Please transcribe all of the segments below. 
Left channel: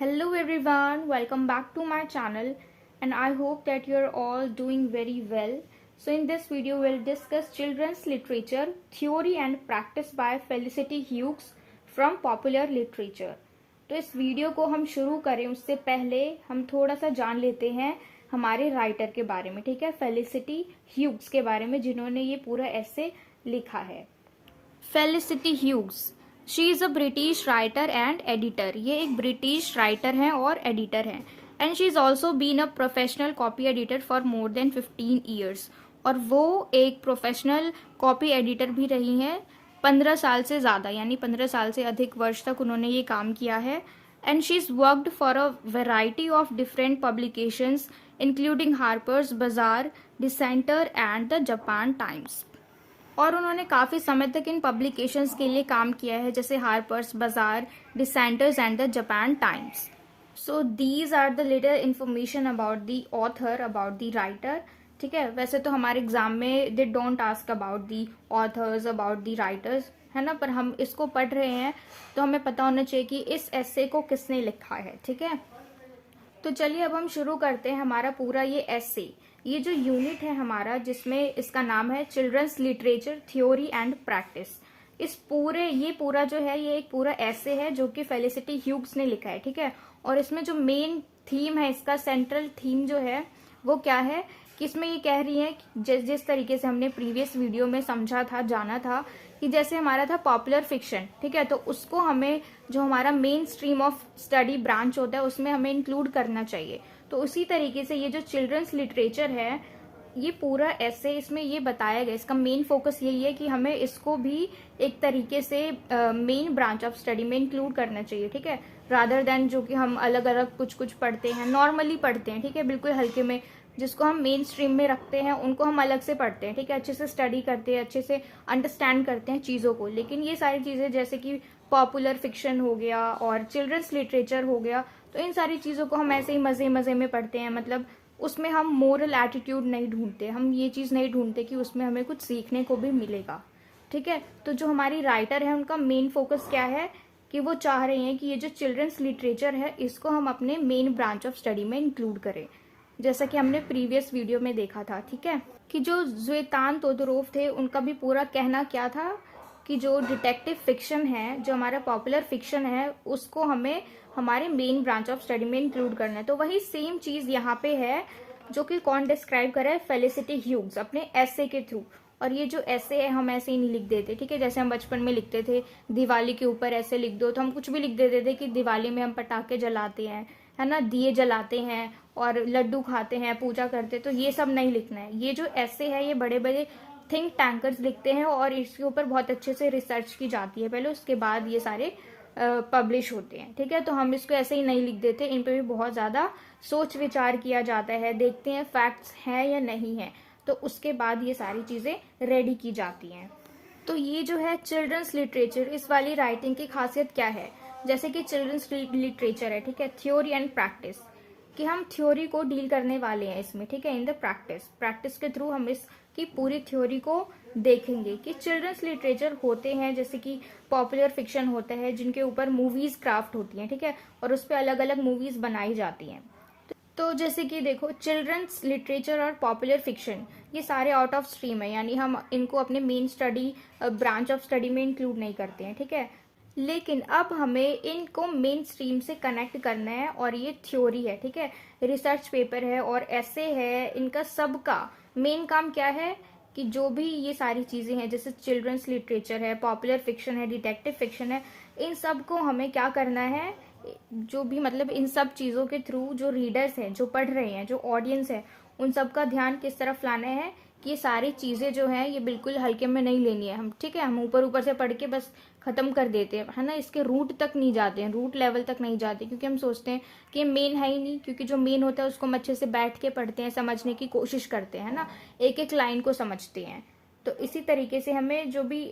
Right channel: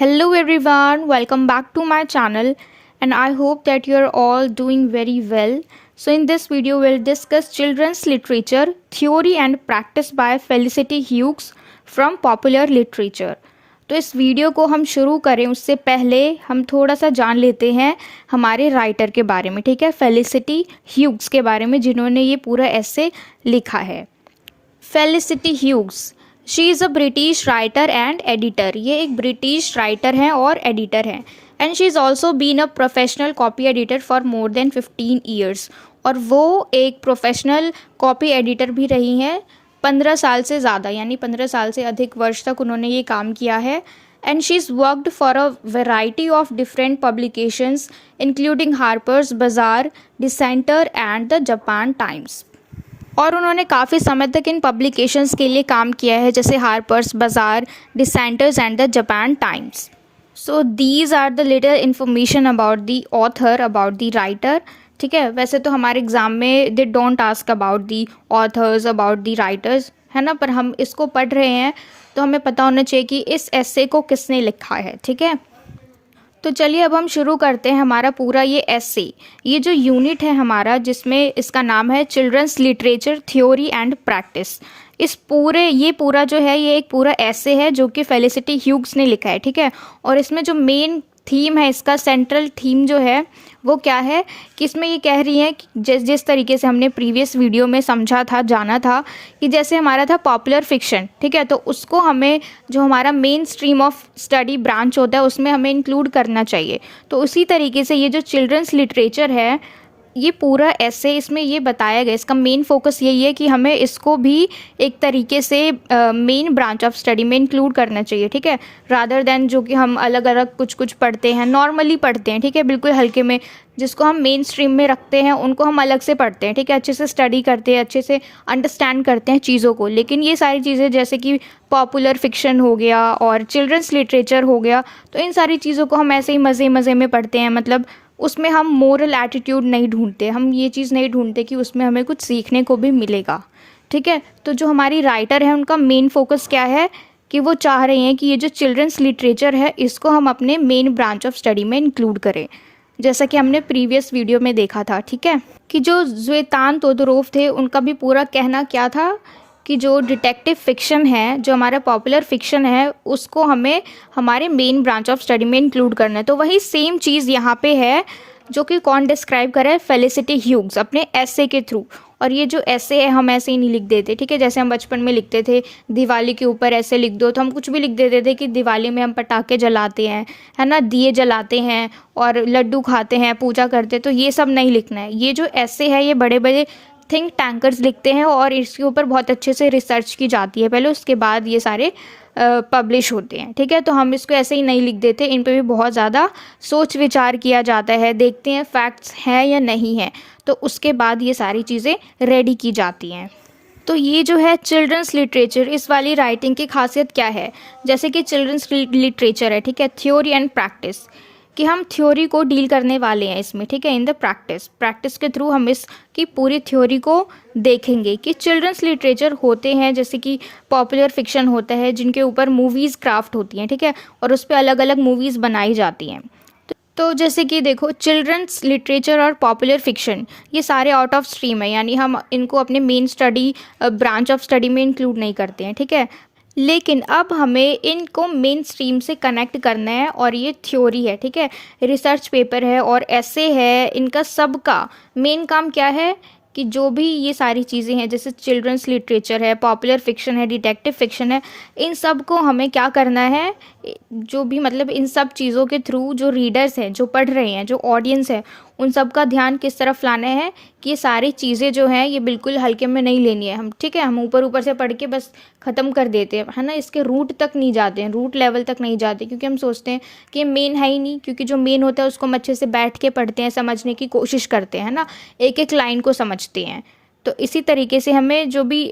Hello everyone, welcome back to my channel and I hope that you are all doing very well. So in this video we'll discuss children's literature, theory and practice by Felicity Hughes from Popular Literature. तो इस video को हम शुरू करें उससे पहले हम थोड़ा सा जान लेते हैं हमारे राइटर के बारे में, ठीक है, फेलिसिटी ह्यूग्स के बारे में जिन्होंने ये पूरा ऐसे लिखा है। Felicity Hughes, she is a British writer and editor. ये एक ब्रिटिश राइटर हैं और एडिटर हैं। And she is also been a professional copy editor for more than 15 years. और वो एक प्रोफेशनल कॉपी एडिटर भी रही हैं 15 साल से ज़्यादा, यानी 15 साल से अधिक वर्ष तक उन्होंने ये काम किया है। And she is worked for a variety of different publications including Harper's बाजार, डिसेंटर एंड द जापान टाइम्स। और उन्होंने काफ़ी समय तक इन पब्लिकेशंस के लिए काम किया है, जैसे Harper's Bazaar, Decanters and the Japan Times. So these are the little information about the author, about the writer. ठीक है, वैसे तो हमारे एग्ज़ाम में they don't ask about the authors, about the writers, है ना, पर हम इसको पढ़ रहे हैं तो हमें पता होना चाहिए कि इस एसे को किसने लिखा है। ठीक है, तो चलिए अब हम शुरू करते हैं हमारा पूरा ये एसे। ये जो यूनिट है हमारा, जिसमें इसका नाम है children's literature theory and practice. इस पूरा जो है ये एक पूरा एसे है जो कि फेलिसिटी ह्यूग्स ने लिखा है। ठीक है, और इसमें जो मेन थीम है, इसका सेंट्रल थीम जो है वो क्या है कि इसमें ये कह रही है कि जिस तरीके से हमने प्रीवियस वीडियो में समझा था, जाना था कि जैसे हमारा था पॉपुलर फिक्शन, ठीक है, तो उसको हमें जो हमारा main stream of study branch होता है उसमें हमें इंक्लूड करना चाहिए। तो उसी तरीके से ये जो चिल्ड्रंस लिटरेचर है, ये पूरा ऐसे इसमें ये बताया गया, इसका मेन फोकस यही है कि हमें इसको भी एक तरीके से मेन ब्रांच ऑफ स्टडी में इंक्लूड करना चाहिए। ठीक है, रादर देन जो कि हम अलग अलग कुछ कुछ पढ़ते हैं, नॉर्मली पढ़ते हैं, ठीक है, बिल्कुल हल्के में, जिसको हम मेन स्ट्रीम में रखते हैं उनको हम अलग से पढ़ते हैं। ठीक है, अच्छे से स्टडी करते हैं, अच्छे से अंडरस्टैंड करते हैं चीज़ों को। लेकिन ये सारी चीज़ें जैसे कि पॉपुलर फिक्शन हो गया और चिल्ड्रंस लिटरेचर हो गया, तो इन सारी चीज़ों को हम ऐसे ही मज़े मज़े में पढ़ते हैं। मतलब उसमें हम मोरल एटीट्यूड नहीं ढूंढते, हम ये चीज़ नहीं ढूंढते कि उसमें हमें कुछ सीखने को भी मिलेगा। ठीक है, तो जो हमारी राइटर है उनका मेन फोकस क्या है कि वो चाह रहे हैं कि ये जो चिल्ड्रंस लिटरेचर है इसको हम अपने मेन ब्रांच ऑफ स्टडी में इंक्लूड करें, जैसा कि हमने प्रीवियस वीडियो में देखा था। ठीक है, कि जो ज़्वेतान तोदोरोव थे उनका भी पूरा कहना क्या था कि जो डिटेक्टिव फिक्शन है, जो हमारा पॉपुलर फिक्शन है, उसको हमें हमारे मेन ब्रांच ऑफ स्टडी में इंक्लूड करना है। तो वही सेम चीज़ यहाँ पे है जो कि कौन डिस्क्राइब करे, फेलिसिटी ह्यूग्स अपने ऐसे के थ्रू। और ये जो ऐसे है हम ऐसे ही नहीं लिख देते। ठीक है, जैसे हम बचपन में लिखते थे दिवाली के ऊपर ऐसे लिख दो, तो हम कुछ भी लिख देते थे कि दिवाली में हम पटाखे जलाते हैं, है ना, दिए जलाते हैं और लड्डू खाते हैं, पूजा करते हैं। तो ये सब नहीं लिखना है। ये जो ऐसे है ये बड़े बड़े थिंक टैंकर्स लिखते हैं और इसके ऊपर बहुत अच्छे से रिसर्च की जाती है पहले, उसके बाद ये सारे पब्लिश होते हैं। ठीक है, तो हम इसको ऐसे ही नहीं लिख देते, इन पे भी बहुत ज़्यादा सोच विचार किया जाता है, देखते हैं फैक्ट्स हैं या नहीं है, तो उसके बाद ये सारी चीज़ें रेडी की जाती हैं। तो ये जो है चिल्ड्रंस लिटरेचर, इस वाली राइटिंग की खासियत क्या है, जैसे कि चिल्ड्रंस लिटरेचर है, ठीक है, थ्योरी एंड प्रैक्टिस, कि हम थ्योरी को डील करने वाले हैं इसमें। ठीक है, इन द प्रैक्टिस के थ्रू हम इसकी पूरी थ्योरी को देखेंगे कि चिल्ड्रंस लिटरेचर होते हैं, जैसे कि पॉपुलर फिक्शन होता है जिनके ऊपर मूवीज़ क्राफ्ट होती हैं। ठीक है, और उस पर अलग अलग मूवीज़ बनाई जाती हैं। तो जैसे कि देखो, चिल्ड्रंस लिटरेचर और पॉपुलर फिक्शन ये सारे आउट ऑफ स्ट्रीम है, यानी हम इनको अपने main study branch of study में इंक्लूड नहीं करते हैं। ठीक है, लेकिन अब हमें इनको मेन स्ट्रीम से कनेक्ट करना है और ये थ्योरी है, ठीक है, रिसर्च पेपर है और ऐसे है, इनका सबका मेन काम क्या है कि जो भी ये सारी चीज़ें हैं, जैसे चिल्ड्रंस लिटरेचर है, पॉपुलर फिक्शन है, डिटेक्टिव फिक्शन है, इन सब को हमें क्या करना है, जो भी मतलब इन सब चीज़ों के थ्रू जो रीडर्स हैं, जो पढ़ रहे हैं, जो ऑडियंस है, उन सब का ध्यान किस तरफ लाना है कि ये सारी चीज़ें जो हैं ये बिल्कुल हल्के में नहीं लेनी है हम। ठीक है, हम ऊपर ऊपर से पढ़ के बस ख़त्म कर देते हैं, है ना, इसके रूट तक नहीं जाते हैं, रूट लेवल तक नहीं जाते, क्योंकि हम सोचते हैं कि ये मेन है ही नहीं, क्योंकि जो मेन होता है उसको हम अच्छे से बैठ के पढ़ते हैं, समझने की कोशिश करते हैं, ना, एक एक लाइन को समझते हैं। तो इसी तरीके से हमें जो भी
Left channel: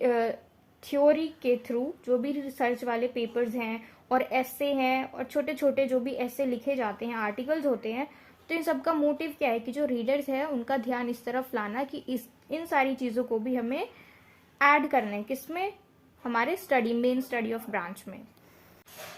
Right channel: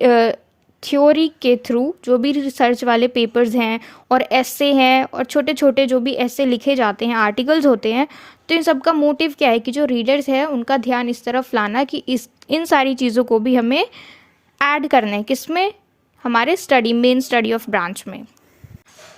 थ्योरी के थ्रू जो भी रिसर्च वाले पेपर्स हैं और ऐसे हैं और छोटे छोटे जो भी ऐसे लिखे जाते हैं, आर्टिकल्स होते हैं, तो इन सब का मोटिव क्या है कि जो रीडर्स है उनका ध्यान इस तरफ लाना कि इन सारी चीज़ों को भी हमें ऐड करना है, किसमें, हमारे study, main study of branch में।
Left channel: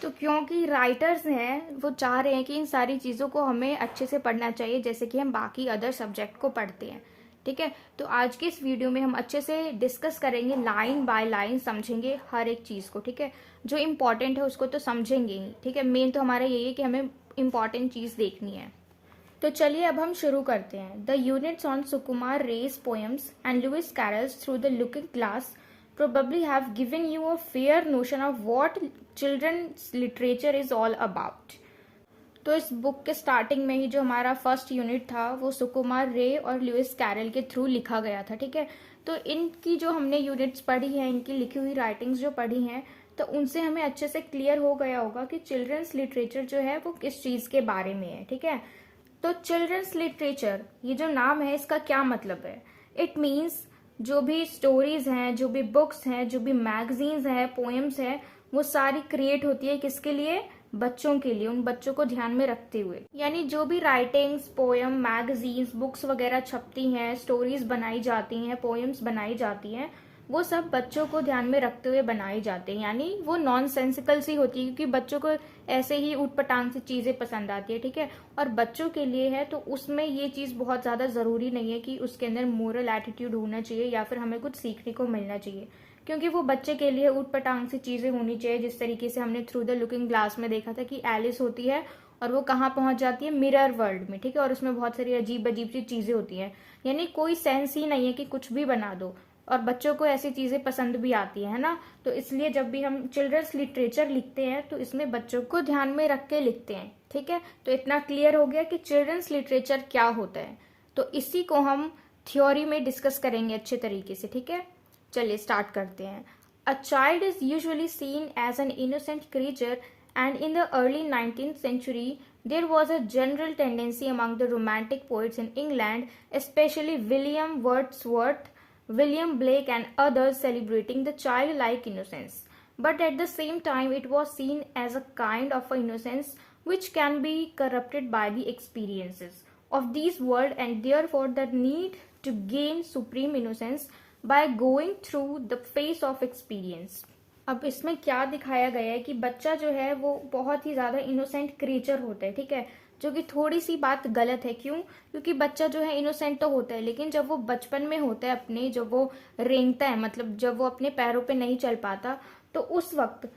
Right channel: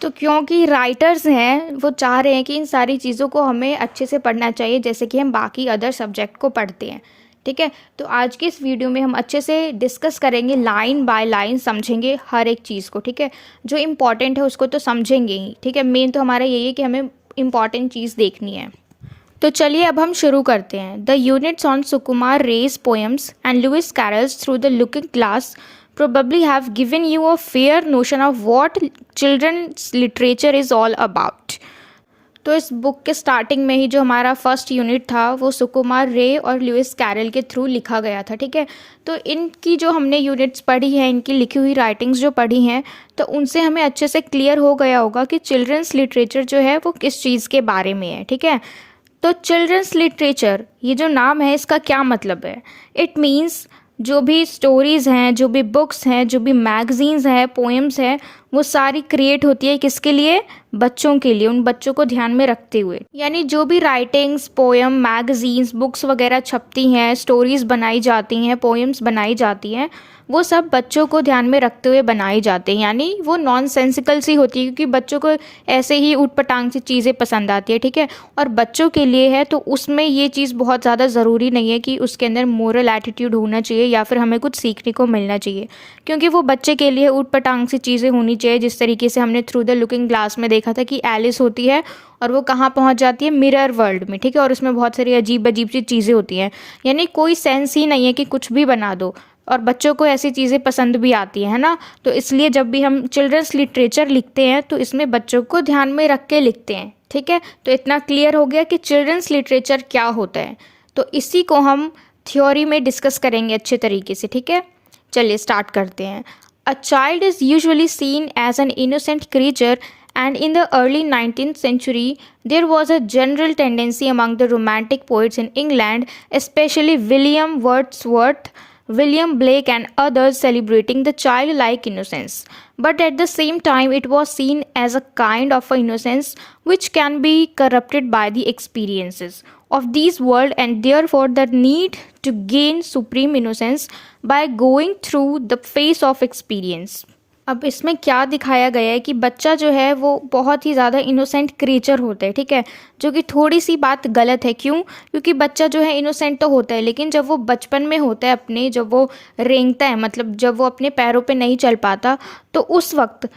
तो क्योंकि राइटर्स हैं वो चाह रहे हैं कि इन सारी चीज़ों को हमें अच्छे से पढ़ना चाहिए जैसे कि हम बाकी अदर सब्जेक्ट को पढ़ते हैं। ठीक है, तो आज की इस वीडियो में हम अच्छे से डिस्कस करेंगे, लाइन बाय लाइन समझेंगे हर एक चीज़ को। ठीक है, जो इम्पॉर्टेंट है उसको तो समझेंगे ही। ठीक है, मेन तो हमारा यही है कि हमें इम्पॉर्टेंट चीज़ देखनी है। तो चलिए अब हम शुरू करते हैं। The units on Sukumar Ray's poems and Lewis Carroll's through the looking glass probably have given you a fair notion of what children's literature is all about। तो इस बुक के स्टार्टिंग में ही जो हमारा फर्स्ट यूनिट था वो सुकुमार रे और लुइस कैरल के थ्रू लिखा गया था। ठीक है, तो इनकी जो हमने यूनिट्स पढ़ी हैं, इनकी लिखी हुई राइटिंग्स जो पढ़ी हैं, तो उनसे हमें अच्छे से क्लियर हो गया होगा कि चिल्ड्रंस लिटरेचर जो है वो किस चीज़ के बारे में है। ठीक है, तो चिल्ड्रंस लिटरेचर ये जो नाम है इसका क्या मतलब है? इट मीन्स जो भी स्टोरीज़ हैं, जो भी बुक्स हैं, जो भी मैगज़ीन्स हैं, पोएम्स हैं, वो सारी क्रिएट होती है किसके लिए? बच्चों के लिए, उन बच्चों को ध्यान में रखते हुए। यानी जो भी राइटिंग्स, पोएम, मैगज़ीन्स, बुक्स वगैरह छपती हैं, स्टोरीज़ बनाई जाती हैं, पोएम्स बनाई जाती हैं, वो सब बच्चों को ध्यान में रखते हुए बनाई जाते हैं। यानी वो नॉनसेंसिकल सी होती है क्योंकि बच्चों को ऐसे ही ऊटपटांग सी चीज़ें पसंद आती है। ठीक है, और बच्चों के लिए है तो उसमें ये चीज़ बहुत ज़्यादा ज़रूरी नहीं है कि उसके अंदर मोरल एटीट्यूड होना चाहिए या फिर हमें कुछ सीखने को मिलना चाहिए, क्योंकि वो बच्चे के लिए ऊटपटांग सी चीज़ें होनी चाहिए। जिस तरीके से हमने थ्रू द लुकिंग ग्लास में देखा था कि एलिस होती है और वो कहाँ पहुँच जाती है? मिरर वर्ल्ड में। ठीक है, और उसमें बहुत सारी अजीब अजीब सी चीज़ें होती हैं। यानी कोई सेंस ही नहीं है कि कुछ भी बना दो, और बच्चों को ऐसी चीज़ें पसंद भी आती है ना। तो इसलिए जब भी हम चिल्ड्रंस लिटरेचर लिखते हैं तो इसमें बच्चों को ध्यान में रख के लिखते हैं। ठीक है, तो इतना क्लियर हो गया कि चिल्ड्रंस लिटरेचर क्या होता है। तो इसी को हम थ्योरी में डिस्कस करेंगे अच्छे तरीके से। ठीक है, चलिए स्टार्ट करते हैं। A child is usually seen as an innocent creature, and in the early 19th century there was a general tendency among the romantic poets in England, especially William Wordsworth, William Blake and others, celebrating the childlike innocence. But at the same time it was seen as a kind of a innocence which can be corrupted by the experiences of this world, and therefore the need to gain supreme innocence by going through the phase of experience। अब इसमें क्या दिखाया गया है कि बच्चा जो है वो बहुत ही ज़्यादा इनोसेंट क्रिएचर होता है। ठीक है, जो कि थोड़ी सी बात गलत है। क्यों? क्योंकि बच्चा जो है इनोसेंट तो होता है, लेकिन जब वो बचपन में होता है अपने, जब वो रेंगता है, मतलब जब वो अपने पैरों पे नहीं चल पाता, तो उस वक्त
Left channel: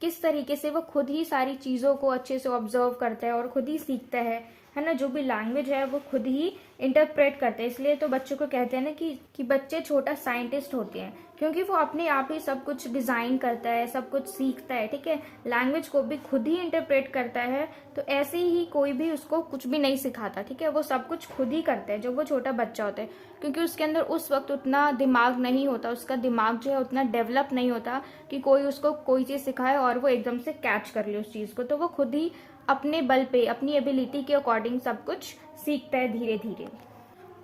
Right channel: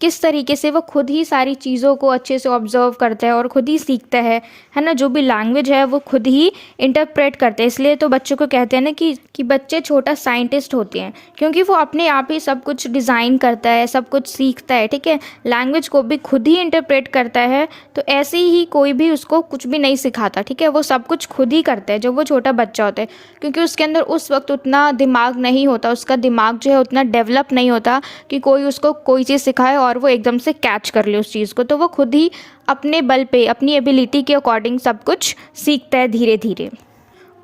किस तरीके से वो खुद ही सारी चीज़ों को अच्छे से ऑब्जर्व करता है और खुद ही सीखता है ना। जो भी लैंग्वेज है वो खुद ही इंटरप्रेट करते हैं। इसलिए तो बच्चों को कहते हैं ना कि बच्चे छोटा साइंटिस्ट होते हैं, क्योंकि वो अपने आप ही सब कुछ डिज़ाइन करता है, सब कुछ सीखता है। ठीक है, लैंग्वेज को भी खुद ही इंटरप्रेट करता है। तो ऐसे ही कोई भी उसको कुछ भी नहीं सिखाता। ठीक है, वो सब कुछ खुद ही करता है जब वो छोटा बच्चा होता है, क्योंकि उसके अंदर उस वक्त उतना दिमाग नहीं होता, उसका दिमाग जो है उतना डेवलप नहीं होता कि कोई उसको कोई चीज़ सिखाए और वो एकदम से कैच कर ले उस चीज़ को। तो वो खुद ही अपने बल पे, अपनी एबिलिटी के अकॉर्डिंग सब कुछ सीखता है धीरे धीरे।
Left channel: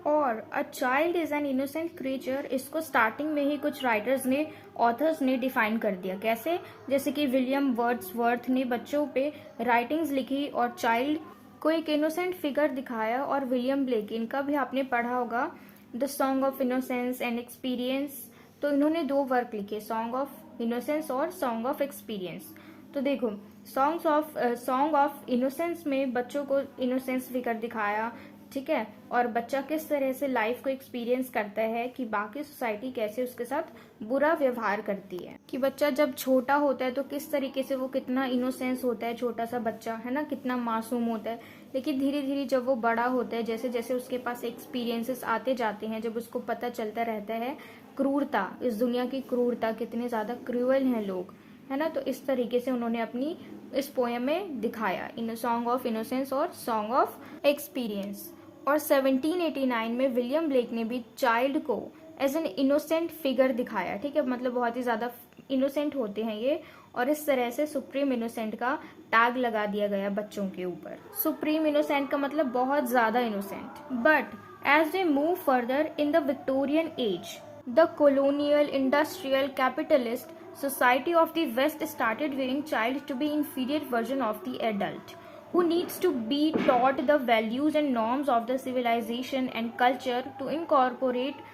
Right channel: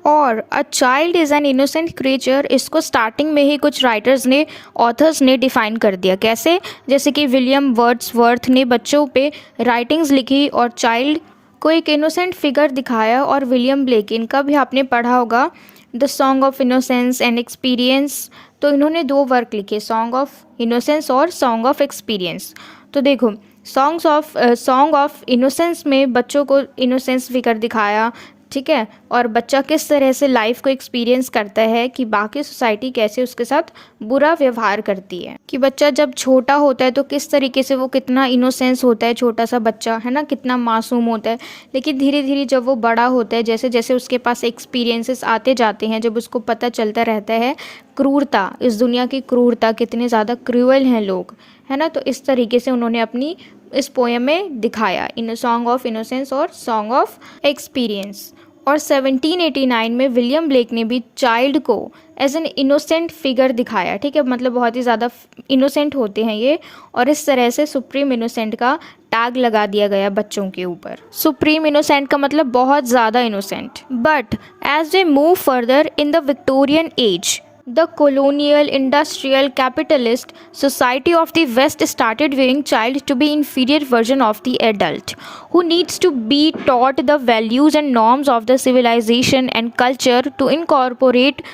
और अ child is an innocent creature, इसको स्टार्टिंग में ही कुछ राइटर्स ने, ऑथर्स ने डिफ़ाइन कर दिया। कैसे? जैसे कि विलियम वर्ड्सवर्थ ने बच्चों पे राइटिंग्स लिखी और चाइल्ड को एक इनोसेंट फिगर दिखाया। और विलियम ब्लेक, इनका भी आपने पढ़ा होगा, the song of innocence and experience. तो इन्होंने 2 वर्क लिखे, सॉन्ग ऑफ इनोसेंस और सॉन्ग ऑफ एक्सपीरियंस। तो देखो, सॉन्ग ऑफ इनोसेंस में बच्चों को इनोसेंस फिगर दिखाया। ठीक है, और बच्चा किस तरह से लाइफ को एक्सपीरियंस करता है कि बाकी सोसाइटी कैसे उसके साथ बुरा व्यवहार करती है, कि बच्चा जब छोटा होता है तो किस तरीके से वो कितना इनोसेंस होता है, छोटा सा बच्चा है ना, कितना मासूम होता है। लेकिन धीरे धीरे जब वो बड़ा होता है, जैसे जैसे उसके पास एक्सपीरियंसेस आते जाते हैं, जब उसको पता चलता रहता है क्रूरता, इस दुनिया की क्रूरता, कितने ज़्यादा क्रूअल हैं लोग, है ना। तो इस तरीके से उन्होंने अपनी इस पोएम में दिखाया, इन सॉन्ग ऑफ इनोसेंस और सॉन्ग ऑफ एक्सपीरियंस। और 1789 में विलियम ब्लेक ने भी चाइल्ड को एज एन इनोसेंट फिगर दिखाया। ठीक है, मतलब बहुत ही ज़्यादा इनोसेंट होते हैं ये, और इस तरह से सुप्रीम इनोसेंट का टैग लगा दिया गया बच्चों के ऊपर। सुप्रीम इनोसेंट का मतलब बहुत ज़्यादा innocent. But as they move further in the Victorian age, the colonial, industrial, capitalist society of the West started viewing child to be inferior version of the adult, who needs to be taught the values and norms of the civilization and culture to incorporate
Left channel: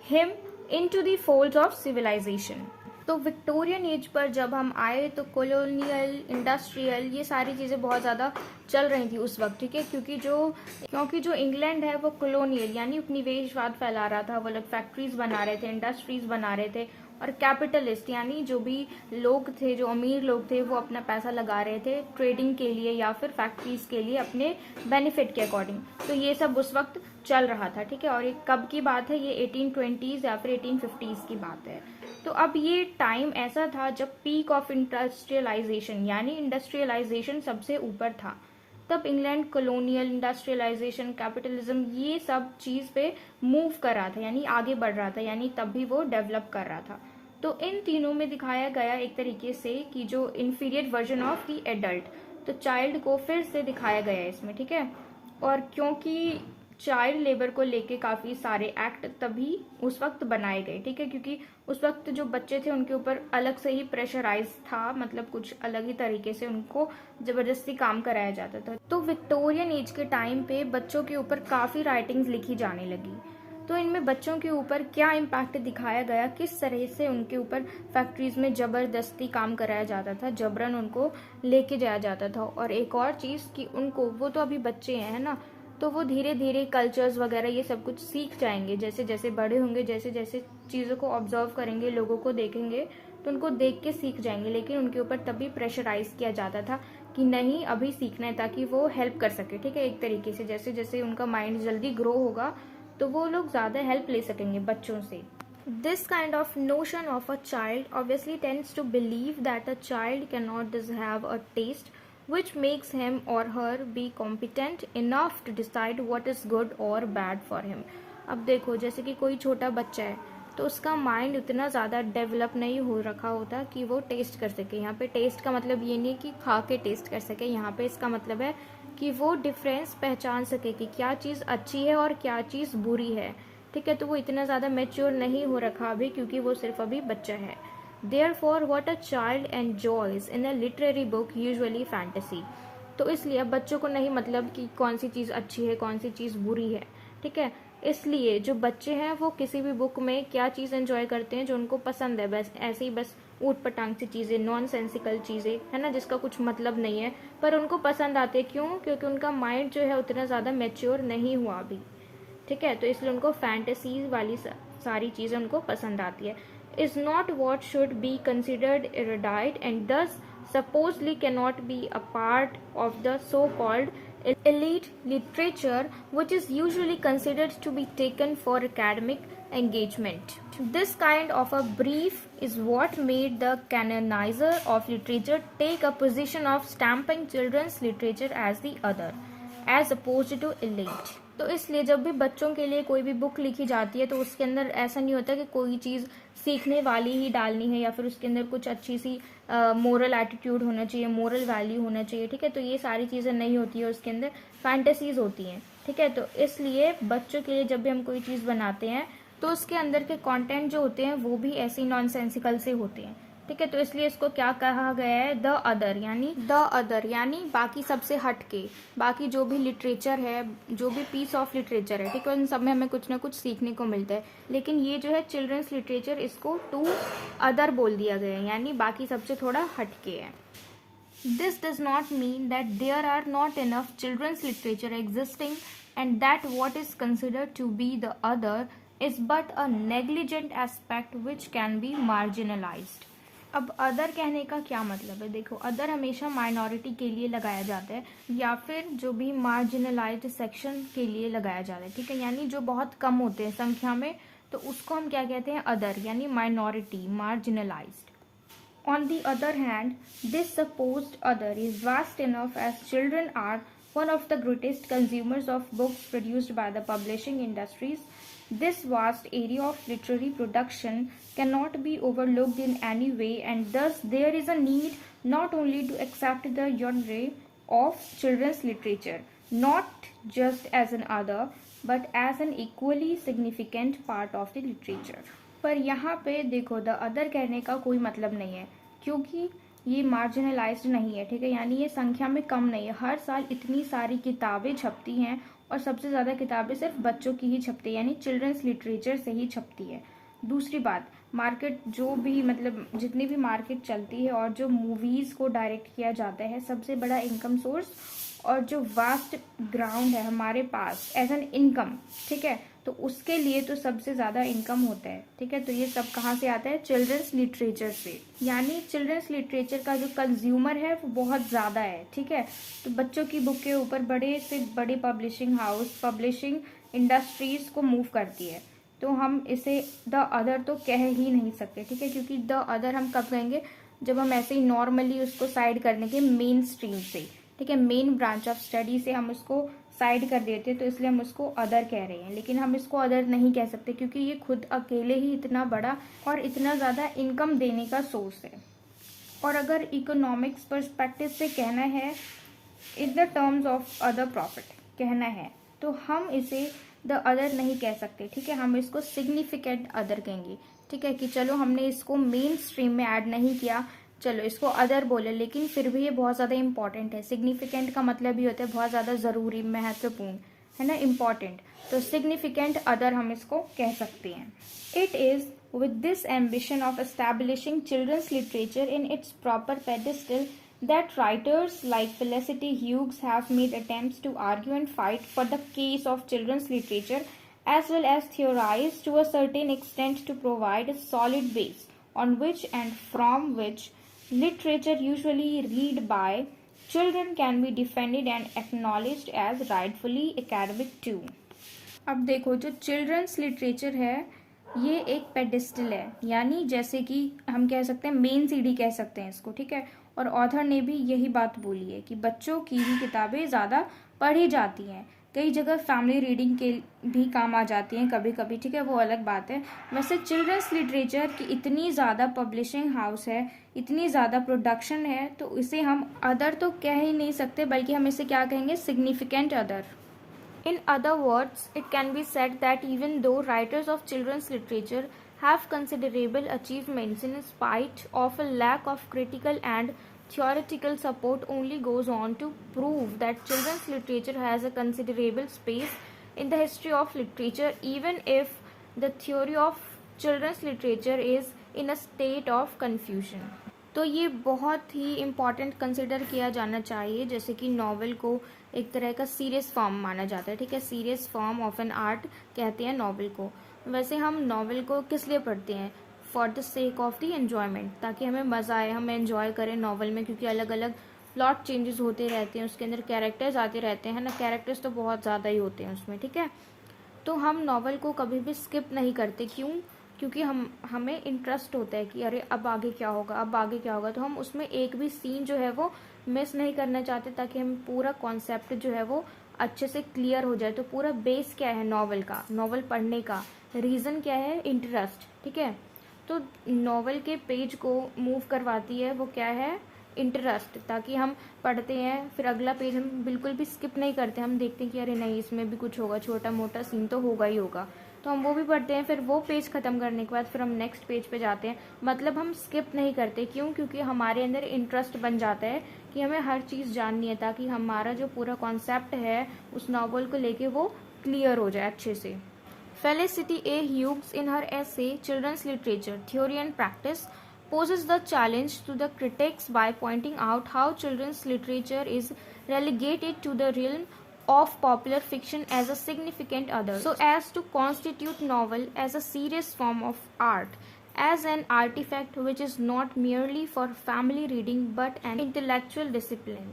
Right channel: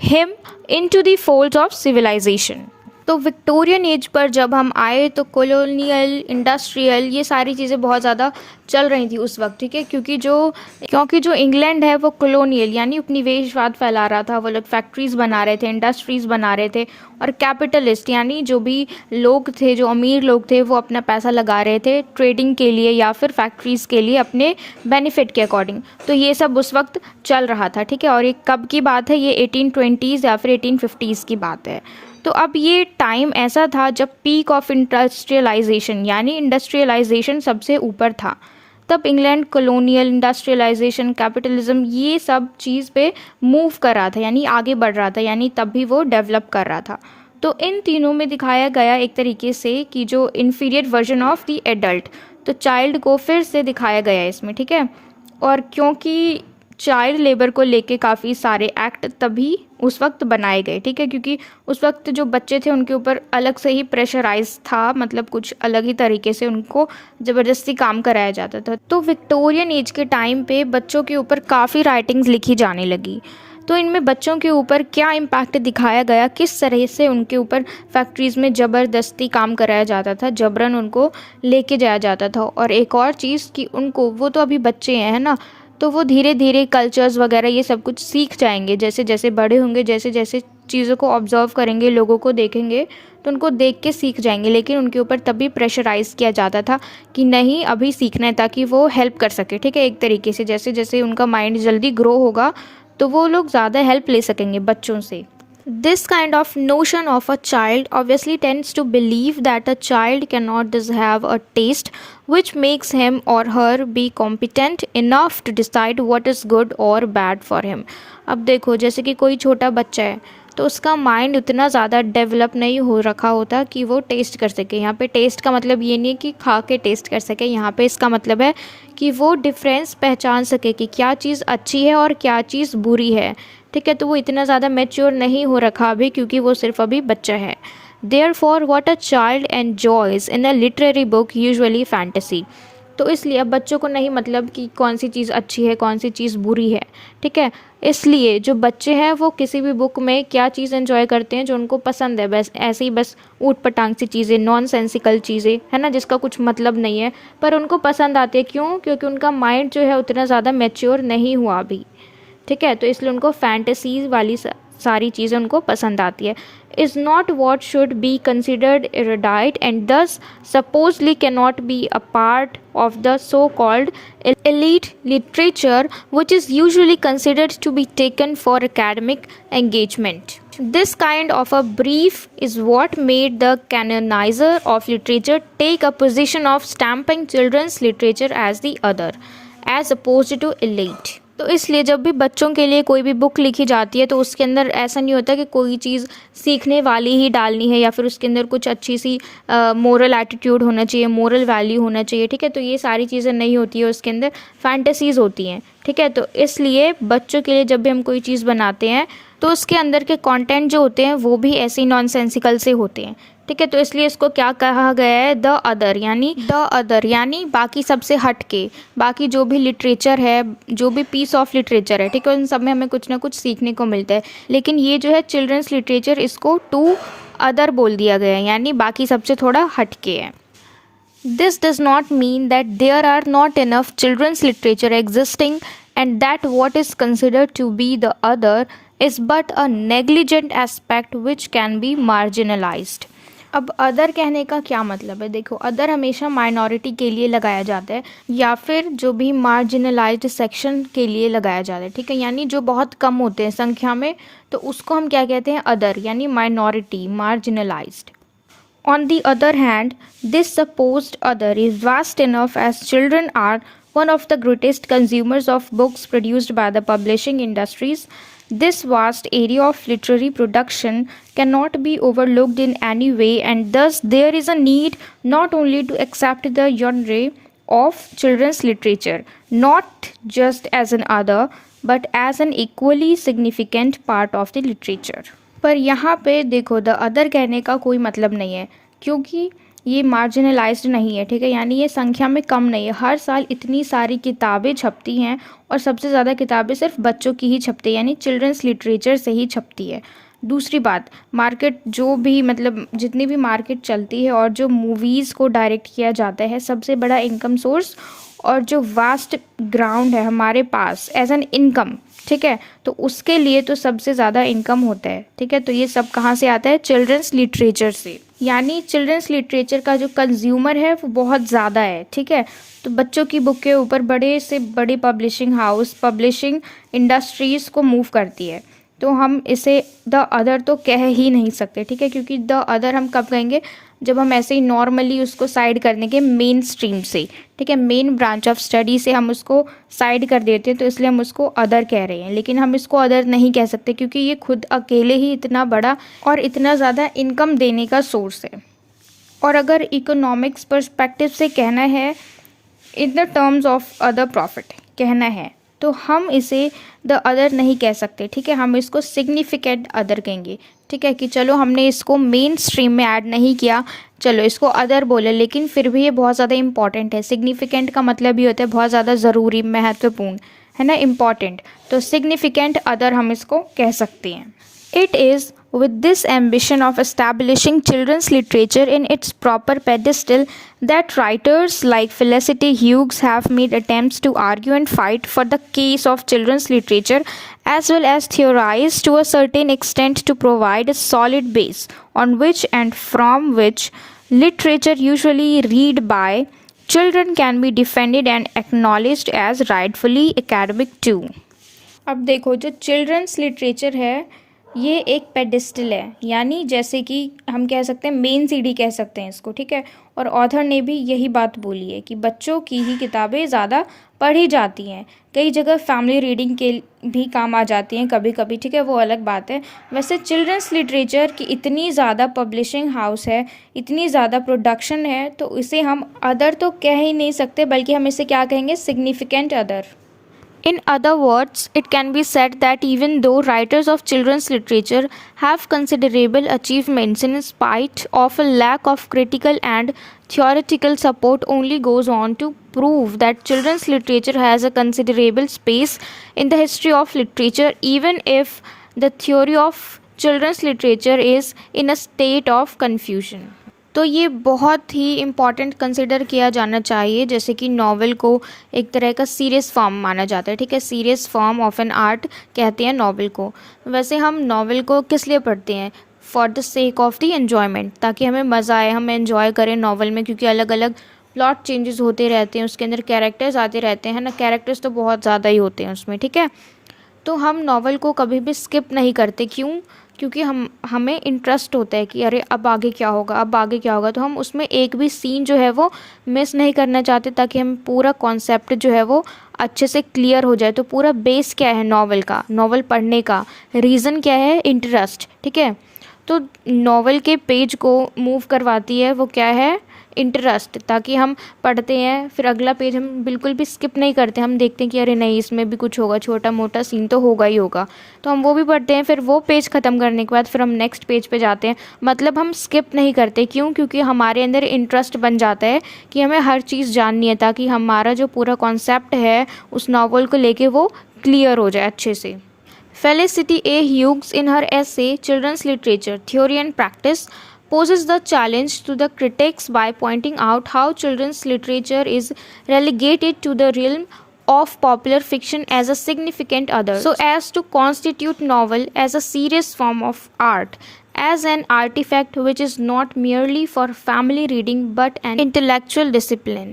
him into the folds of civilization. तो Victorian as per जब हम आए तो colonial, industrial, ये सारी चीज़ें बहुत ज़्यादा चल रही थी उस वक्त, ठीक है। क्योंकि जो इंग्लैंड है वो कॉलोनियल यानी उपनिवेशवाद फैला रहा था। वो लोग फैक्ट्रीज़ बना रहे थे, इंडस्ट्रीज़ बना रहे थे, और कैपिटलिस्ट यानी जो भी लोग थे, जो अमीर लोग थे, वो अपना पैसा लगा रहे थे ट्रेडिंग के लिए या फिर फैक्ट्रीज़ के लिए अपने बेनिफिट के अकॉर्डिंग। तो ये सब उस वक्त चल रहा था, ठीक है। और ये कब की बात है? ये 1820s या फिर 1850s की बात है। तो अब ये टाइम ऐसा था जब पीक ऑफ इंडस्ट्रियलाइजेशन यानी इंडस्ट्रियलाइजेशन सबसे ऊपर था। तब इंग्लैंड कॉलोनियल, इंडस्ट्रियलाइजेशन, कैपिटलिज्म, ये सब चीज़ पे मूव कर रहा था यानी आगे बढ़ रहा था, यानी तब भी वो डेवलप कर रहा था। तो इन तीनों में दिखाया गया एक तरीके से कि जो inferior version of the adult, तो चाइल्ड को फिर से दिखाया गया है इसमें, ठीक है। और क्योंकि चाइल्ड लेबर को लेके काफ़ी सारे एक्ट तभी उस वक्त बनाए गए, ठीक है, क्योंकि उस वक्त जो बच्चे थे उनके ऊपर अलग से ही प्रेशराइज था, मतलब कुछ अलग ही तरीके से उनको ज़बरदस्ती काम कराया जाता था। तो विक्टोरियन एज के टाइम पे बच्चों के ऊपर काफ़ी राइटिंग्स लिखी जाने लगी। तो इनमें बच्चों के ऊपर क्या इम्पैक्ट दिखाया गया, किस तरह से उनके ऊपर फैक्ट्रीज़ में ज़बरदस्ती काम कराया जाता था, जबरन उनको लेके जाया जाता था। और एक और चीज़ कि उनको, वो तो अभी बच्चे हैं, है ना, तो वो धीरे धीरे कल्चर्स वगैरह ये सब कुछ सीख जाएंगे। जैसे जैसे बड़े होंगे, जैसे जैसे चीज़ों को ऑब्जर्व करेंगे, लोगों को देखेंगे, तो उनको देख के सीख जाएंगे। लेकिन उनके ऊपर तभी प्रेशराइज़ किया जाता था कि नहीं, अभी सीखना है, ताकि वो हेल्प कर सके, ठीक है। एक तरीके से जैसे जैसे उनका माइंड जल्दी ग्रो होगा तो वो लोग ज़्यादा हेल्प ले सकेंगे बच्चों से। This kind of notion of a child obviously tends to believe that a child cannot just have a taste which makes him or her be competent enough to decide what is good or bad for him. अब देखो, जैसे कि कोई छोटा बच्चा है तो उसका माइंड उतना ज़्यादा डेवलप नहीं हो रखा होता कि वो टेस्ट कर सके। यहाँ पे टेस्ट का मतलब ये नहीं है कि खा के टेस्ट कर सके, यहाँ पे इसका मतलब है कि वो डिफरेंस पहचान सके कि क्या चीज़ अच्छी है और क्या चीज़ बुरी है, ठीक है। तो वो इतना ज़्यादा मैच्योर नहीं हो रखा अभी, क्योंकि वो सिर्फ अभी बच्चा है। Therefore what a child enjoys in a literary book usually fantasy. तो इसलिए अब बच्चों को नहीं मतलब कि कौन सी चीज़ अच्छी है, कौन सी चीज़ बुरी है, ठीक है। इसलिए जो बच्चे हैं वो किसी भी बुक में क्या चीज़ एंजॉय करते हैं, जो उनको पसंद है, बस ऐसे ही, बस ऊट पटांग सी चीज़ें, नॉन सेंसिकल चीज़ें, है ना, जिसका कुछ मतलब नहीं है, पर उनको पसंद आती है। क्यों? क्योंकि उनका माइंड जो है उतना ज़्यादा मैच्योर नहीं हुआ अभी, ठीक है। तो इसलिए उनको फैंटेसीज वाली सारी चीज़ें उनको पसंद आती है। Is not what should be considered erudite and thus supposedly cannot be a part of the so-called elite literature which is usually considered to be taken for academic engagement. This kind of a brief is what made the canonizer of literature take a position of stamping children's literature as the other, as opposed to elite. तो इसलिए जब भी बच्चों के लिए कोई भी book लिखी जाती है तो उसके अंदर ऐसा नहीं होता कि कोई चीज़ सीखने वाली ही डालनी है, या फिर उसके अंदर कुछ अच्छी सी मोरल एटीट्यूड होना चाहिए, मोरल वैल्यू होना चाहिए, ठीक है। तो ये सारी चीज़ें नहीं होती है, उसके अंदर फैंटेसीज़ होती हैं, ठीक है। तो इसलिए बच्चों के लिए जब भी हम कोई चीज़ बनाते हैं तो उसके अंदर के कंटेंट जो होते हैं वो भी ऐसे ही नॉनसेंसिकल से होते हैं, ठीक है। तो इसलिए इसको क्या कहा गया है? द अदर यानी बाकी सबसे हट के, बाकी जो भी लिटरेचर है, जो भी पीस ऑफ लिटरेचर है, ठीक है, उन सब में हमें कुछ ना कुछ सीखने को मिलता है। लेकिन ये जो है चिल्ड्रंस लिटरेचर, इसको टू अदर बोल दिया गया है, यानी बाकी सबसे थोड़ा हट के है। This does not mean that there are not enough children's literature existing and that what is considered to be the other is but a negligent aspect which can be marginalized. अब अदर कहने का क्या मतलब है? देखो, other हमेशा minority के लिए लगाया जाता है या फिर जो भी मार्जिनलाइज्ड सेक्शन के लिए लगाया जाता है, ठीक है, यानी जो बहुत कम होते हैं संख्या में, तो उसको हम क्या कहते हैं? अदर, यानी minority, marginalised. On the other hand, this supposed other is vast enough as children are one of the greatest consumers of books produced by the publishing industries. This vast area of literary production cannot be overlooked in any way, and thus there is a need not only to accept the genre of children's literature, not just as an other, but as an equally significant part of the literature. पर यहाँ पे देखो, the other कहने का कोई मतलब नहीं है, क्योंकि ये मार्जिनलाइज्ड नहीं है, ठीक है, यानी ये संख्या में कम नहीं है। हर साल इतनी सारी किताबें छपती हैं और सबसे ज़्यादा किताबें सिर्फ बच्चों की ही छपती है, यानी चिल्ड्रंस लिटरेचर से ही छपती है। दूसरी बात, मार्केट जो भी मतलब जितनी भी मार्केट चलती है और जो मूवीज़ को डायरेक्ट किया जाता है, सबसे बड़ा इनकम सोर्स और जो वास्ट ग्राउंड है हमारे पास एज एन इनकम, ठीक है, तो उसके लिए तो सबसे ज़्यादा इनकम होता है, ठीक है। तो ये सब कहाँ से आता है? चिल्ड्रंस लिटरेचर से। यानी चिल्ड्रंस लिटरेचर का जो कंज्यूमर है वो बहुत ज़्यादा है, ठीक है। तो बच्चों की बुक के ऊपर बड़े से बड़े पब्लिशिंग हाउस, पब्लिशिंग इंडस्ट्रीज़ को मूव करती है। तो हम इसे द अदर तो कह ही नहीं सकते, ठीक है, क्योंकि द अदर हम कब कहेंगे? जब हम ऐसे ही नॉर्मली उसको साइड कर देंगे मेन स्ट्रीम से, ठीक है, मेन ब्रांच ऑफ स्टडी से हम उसको साइड कर देते हैं, तो इसलिए हम उसको अदर कह रहे हैं। लेकिन हम इसको अदर नहीं कह सकते क्योंकि ये खुद अकेले ही इतना बड़ा और इतना ज़्यादा इनकम देने का सोर्स है। और अगर इकोनॉमिक्स पर्सपेक्टिव से कहना है, in the terms of other profit कहना है, तो हम इसे द अदर नहीं कह सकते, ठीक है, हम इसको सिग्निफिकेंट अदर कहेंगे, ठीक है। कि चलो हमने इसको मेन स्ट्रीम में ऐड नहीं किया, चलो इसको अदर बोले, लेकिन फिर भी ये बहुत ज़्यादा इंपॉर्टेंट है। सिग्निफिकेंट का मतलब ये होता है बहुत ज़्यादा ज़रूरी, महत्वपूर्ण, है ना, इम्पॉर्टेंट। तो सिग्निफिकेंट अदर हम इसको कह सकते हैं। It is with this ambition of establishing children's literature in its proper pedestal that writers like Felicity Hughes have made attempts to argue and fight for the case of children's literature, as well as theorize to a certain extent to provide a solid base on which and from which literature usually read by children can be defended and acknowledged as rightfully academic too. अब देखो, जो children's literature है ये एक pedestal है, यानी जैसे कि हम कह सकते हैं मेन सीढ़ी कह सकते हैं इसको, ठीक है। और ऑथर ने भी यही बात बोली है कि बच्चों की ही किताबें ज़्यादा पढ़ी जाती हैं। कई जगह फैमिली रीडिंग के भी काम आ जाती हैं कभी कभी, ठीक है, वो अलग बात है। वैसे चिल्ड्रंस लिटरेचर की इतनी ज़्यादा पब्लिशिंग हाउस है, इतनी ज़्यादा प्रोडक्शन है, तो इसे हम अदर तो कह ही नहीं सकते, बल्कि हम इसे क्या कहेंगे? Significant other. In other words, it can be said that even though writers of children's literature have considerable achievements in spite of a lack of critical and theoretical support, only goes on to prove that children's literature has a considerable space in the history of literature, even if the theory of children's literature is in a state of confusion. तो ये बहुत ही important consider किया जाना चाहिए, जैसे कि novel को एक तरह का सीरियस फॉर्म माना जाता है, ठीक है, serious form of an art कहते हैं नॉवेल को। वैसे हम नॉवेल को किस लिए पढ़ते हैं? For the sake of the enjoyment, ताकि हमें मज़ा आए, हम एन्जॉय करें नॉवेल में, क्योंकि अलग अलग प्लॉट चेंजेस होते रहते हैं, उसके अंदर कैरेक्टर्स आते रहते हैं ना, कैरेक्टर्स तो बहुत ज़्यादा ही होते हैं उसमें, ठीक है। तो हम नॉवेल को कभी भी स्किप नहीं करते, क्यों? क्योंकि हमें इंटरेस्ट होता है कि अरे अब आगे क्या होगा, अब आगे क्या होगा, तो हम उसमें एक भी सीन जो है वो मिस नहीं करना चाहते, ताकि हम पूरा कॉन्सेप्ट जो है वो अच्छे से क्लियर हो जाए। तो पूरा बेस क्या है नॉवेल का, नॉवेल पढ़ने का रीज़न क्या है? इंटरेस्ट, ठीक है। तो नॉवेल के पेज को मूव करवाती है वो क्या है? इंटरेस्ट, ताकि हम पढ़ते हैं, फिर अगला पेज हम बिल्कुल भी स्किप नहीं करते, हम देखते हैं कि अरे नहीं इसमें भी कुछ होगा, छोटा मोटा सीन तो होगा ही होगा, तो हम वो भी पढ़ते हैं। फिर वो पेज ख़त्म करने के बाद फिर हम नेक्स्ट पेज पे जाते हैं, मतलब हम स्किप नहीं करते। क्यों? क्योंकि हमारे अंदर इंटरेस्ट बन जाता है कि हमें हर चीज़ जाननी है, ताकि हमारा जो पूरा कॉन्सेप्ट है उस नावल को लेके वो क्लियर हो जाए अच्छे से। Felicity A. Hughes, in her essay Children's Literature, Theory and Practice, poses the challenge to the critics by pointing out how children's literature is relegated to the realm of popular fiction as a significant other, so as to constitute novel as a serious form of art, as an artifact which is not merely for family reading but an intellectual discipline.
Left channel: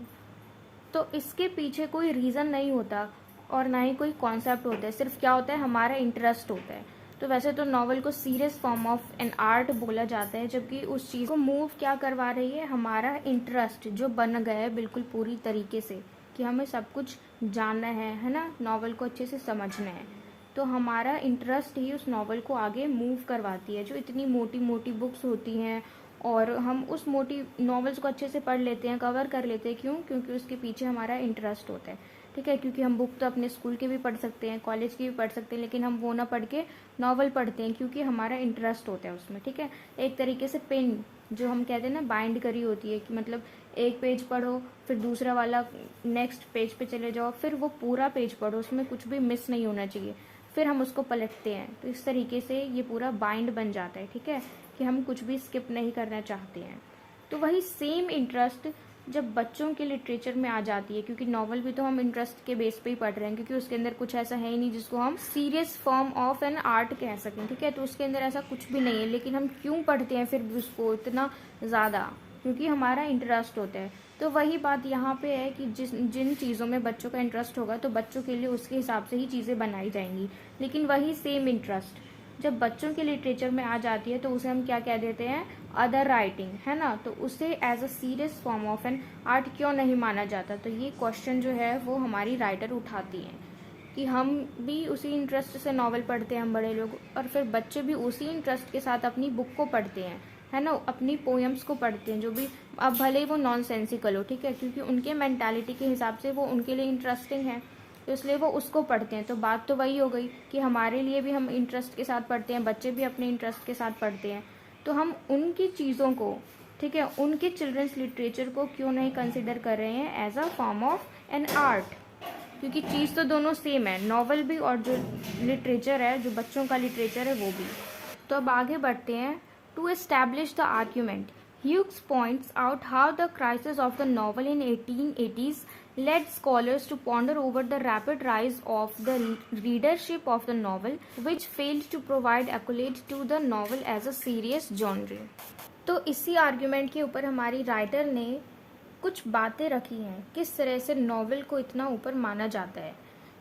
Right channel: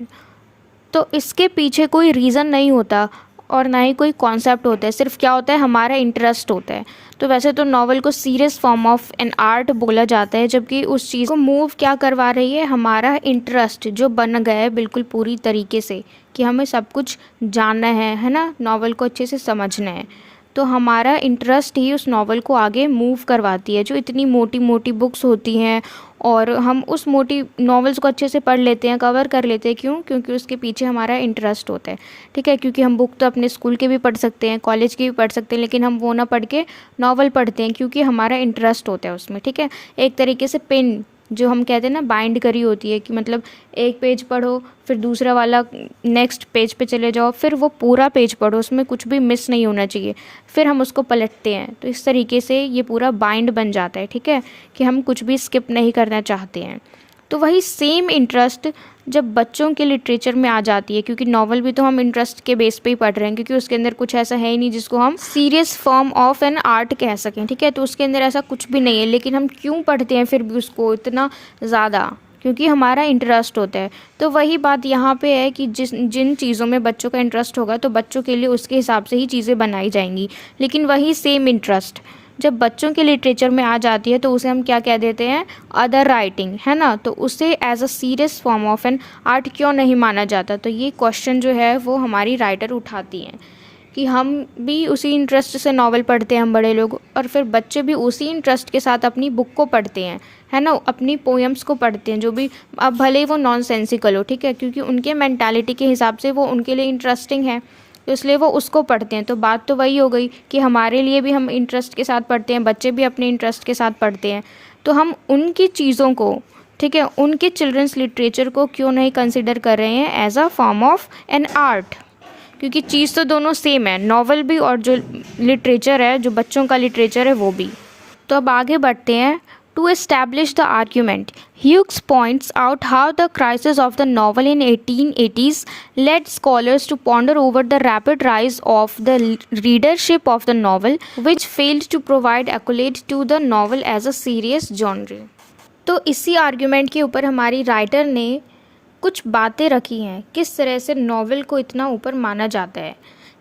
तो इसके पीछे कोई reason नहीं होता और ना ही कोई concept होता है, सिर्फ क्या होता है? हमारा इंटरेस्ट होता है। तो वैसे तो नॉवल को serious form of an art बोला जाता है, जबकि उस चीज़ को मूव क्या करवा रही है? हमारा इंटरेस्ट जो बन गया है बिल्कुल पूरी तरीके से, कि हमें सब कुछ जानना है ना, नॉवल को अच्छे से समझना है। तो हमारा इंटरेस्ट ही उस नॉवल को आगे मूव करवाती है। जो इतनी मोटी मोटी बुक्स होती हैं और हम उस मोटी नॉवेल्स को अच्छे से पढ़ लेते हैं, कवर कर लेते हैं, क्यों? क्योंकि उसके पीछे हमारा इंटरेस्ट होता है, ठीक है। क्योंकि हम बुक तो अपने स्कूल के भी पढ़ सकते हैं, कॉलेज के भी पढ़ सकते हैं, लेकिन हम वो ना पढ़ के नॉवल पढ़ते हैं क्योंकि हमारा इंटरेस्ट होता है उसमें, ठीक है। एक तरीके से पेन जो हम कहते हैं ना बाइंड करी होती है, कि मतलब एक पेज पढ़ो फिर दूसरा वाला नेक्स्ट पेज पे चले जाओ, फिर वो पूरा पेज पढ़ो, उसमें कुछ भी मिस नहीं होना चाहिए, फिर हम उसको पलटते हैं। तो इस तरीके से ये पूरा बाइंड बन जाता है, ठीक है, कि हम कुछ भी स्किप नहीं करना चाहते हैं। तो वही सेम इंटरेस्ट जब बच्चों के लिटरेचर में आ जाती है, क्योंकि नॉवल भी तो हम इंटरेस्ट के बेस पे ही पढ़ रहे हैं, क्योंकि उसके अंदर कुछ ऐसा है ही नहीं जिसको हम serious form of an art कह सकें, ठीक है, तो उसके अंदर ऐसा कुछ भी नहीं है, लेकिन हम क्यों पढ़ते हैं फिर भी उसको इतना ज़्यादा, क्योंकि हमारा इंटरेस्ट होता है। तो वही बात यहाँ पे है कि जिन चीज़ों में बच्चों का इंटरेस्ट होगा तो बच्चों के लिए उसके हिसाब से ही चीज़ें बनाई जाएंगी। लेकिन वही सेम इंटरेस्ट जब बच्चों के लिटरेचर में आ जाती है तो उसे हम क्या कह देते हैं, अदर राइटिंग, है ना। तो उसे as a serious form of an art क्यों नहीं माना जाता। तो ये क्वेश्चन जो है वो हमारी राइटर उठाती हैं कि हम भी उसी इंटरेस्ट से नावल पढ़ते हैं, हम बड़े लोग, और फिर बच्चे भी उसी इंटरेस्ट के साथ अपनी बुक को पढ़ते हैं, है ना, अपनी पोएम्स को पढ़ते हैं, जो भी अब भले ही वो नॉन सेंसिकल हो, ठीक है, क्योंकि उनके मेंटालिटी के हिसाब से वो उनके लिए इंटरेस्टिंग है, तो इसलिए वो उसको पढ़ते हैं। तो बात तो वही हो गई कि हमारे लिए भी हम इंटरेस्ट के साथ पढ़ते हैं, बच्चे भी अपने इंटरेस्ट के साथ पढ़ते हैं, तो हम उनकी चीज़ों को, ठीक है, उनके चिल्ड्रंस लिटरेचर को क्यों नहीं कंसिडर कर रहे हैं as a form of an art, क्योंकि चीज़ तो दोनों सेम है, नॉवल भी और जो लिटरेचर है, जो बच्चों का लिटरेचर है वो भी। तो अब आगे बढ़ते हैं। To establish the argument, Hughes points out how the crisis of the novel in 1880s led scholars to ponder over the rapid rise of the readership of the novel, which failed to provide accolade to the novel as a serious genre. तो इसी argument के ऊपर हमारी writer ने कुछ बातें रखी हैं, किस तरह से नॉवल को इतना ऊपर माना जाता है।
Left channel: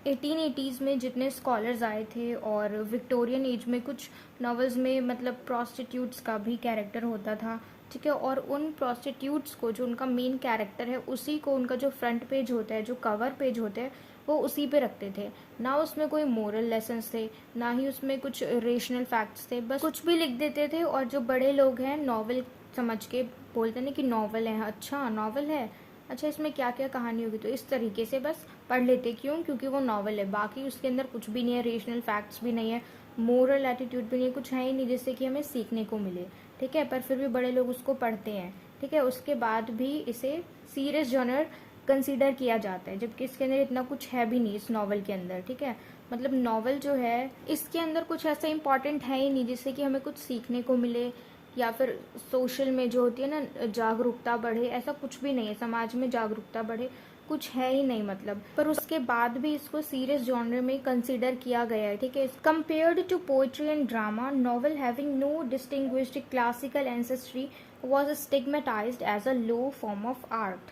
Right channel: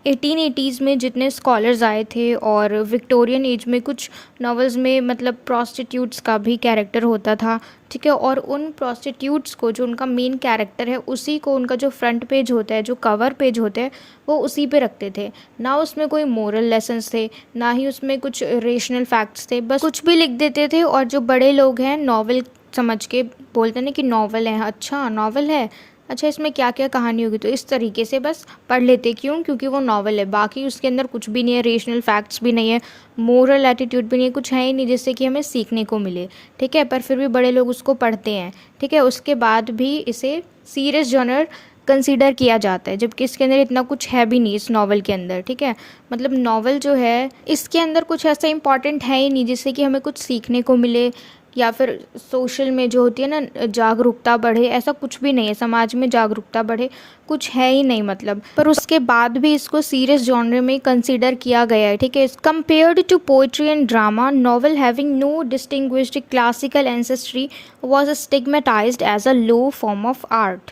1880s में जितने स्कॉलर्स आए थे और विक्टोरियन एज में कुछ नॉवेल्स में मतलब प्रॉस्टिट्यूट्स का भी कैरेक्टर होता था, ठीक है, और उन प्रॉस्टिट्यूट्स को जो उनका मेन कैरेक्टर है उसी को उनका जो फ्रंट पेज होता है, जो कवर पेज होता है, वो उसी पे रखते थे। ना उसमें कोई मोरल लेसन्स थे, ना ही उसमें कुछ रेशनल फैक्ट्स थे, बस कुछ भी लिख देते थे। और जो बड़े लोग हैं नॉवल समझ के बोलते हैं कि नॉवल है, अच्छा नॉवल है, अच्छा इसमें क्या क्या कहानी होगी, तो इस तरीके से बस पढ़ लेते। क्यों? क्योंकि वो नॉवल है, बाकी उसके अंदर कुछ भी नहीं है, रेशनल फैक्ट्स भी नहीं है, मोरल एटीट्यूड भी नहीं है, कुछ है ही नहीं जिससे कि हमें सीखने को मिले, ठीक है, पर फिर भी बड़े लोग उसको पढ़ते हैं, ठीक है। उसके बाद भी इसे सीरियस जॉनर कंसीडर किया जाता है, जबकि इसके अंदर इतना कुछ है भी नहीं इस नॉवल के अंदर, ठीक है। मतलब नॉवल जो है इसके अंदर कुछ ऐसा इंपॉर्टेंट है ही नहीं जिससे कि हमें कुछ सीखने को मिले, या फिर सोशल में जो होती है ना जागरूकता बढ़े, ऐसा कुछ भी नहीं है, समाज में जागरूकता बढ़े, कुछ है ही नहीं मतलब। पर उसके बाद भी इसको सीरियस जॉनर में कंसीडर किया गया है, ठीक है। Compared to poetry and drama, novel having no distinguished classical ancestry was stigmatized as a low form of art.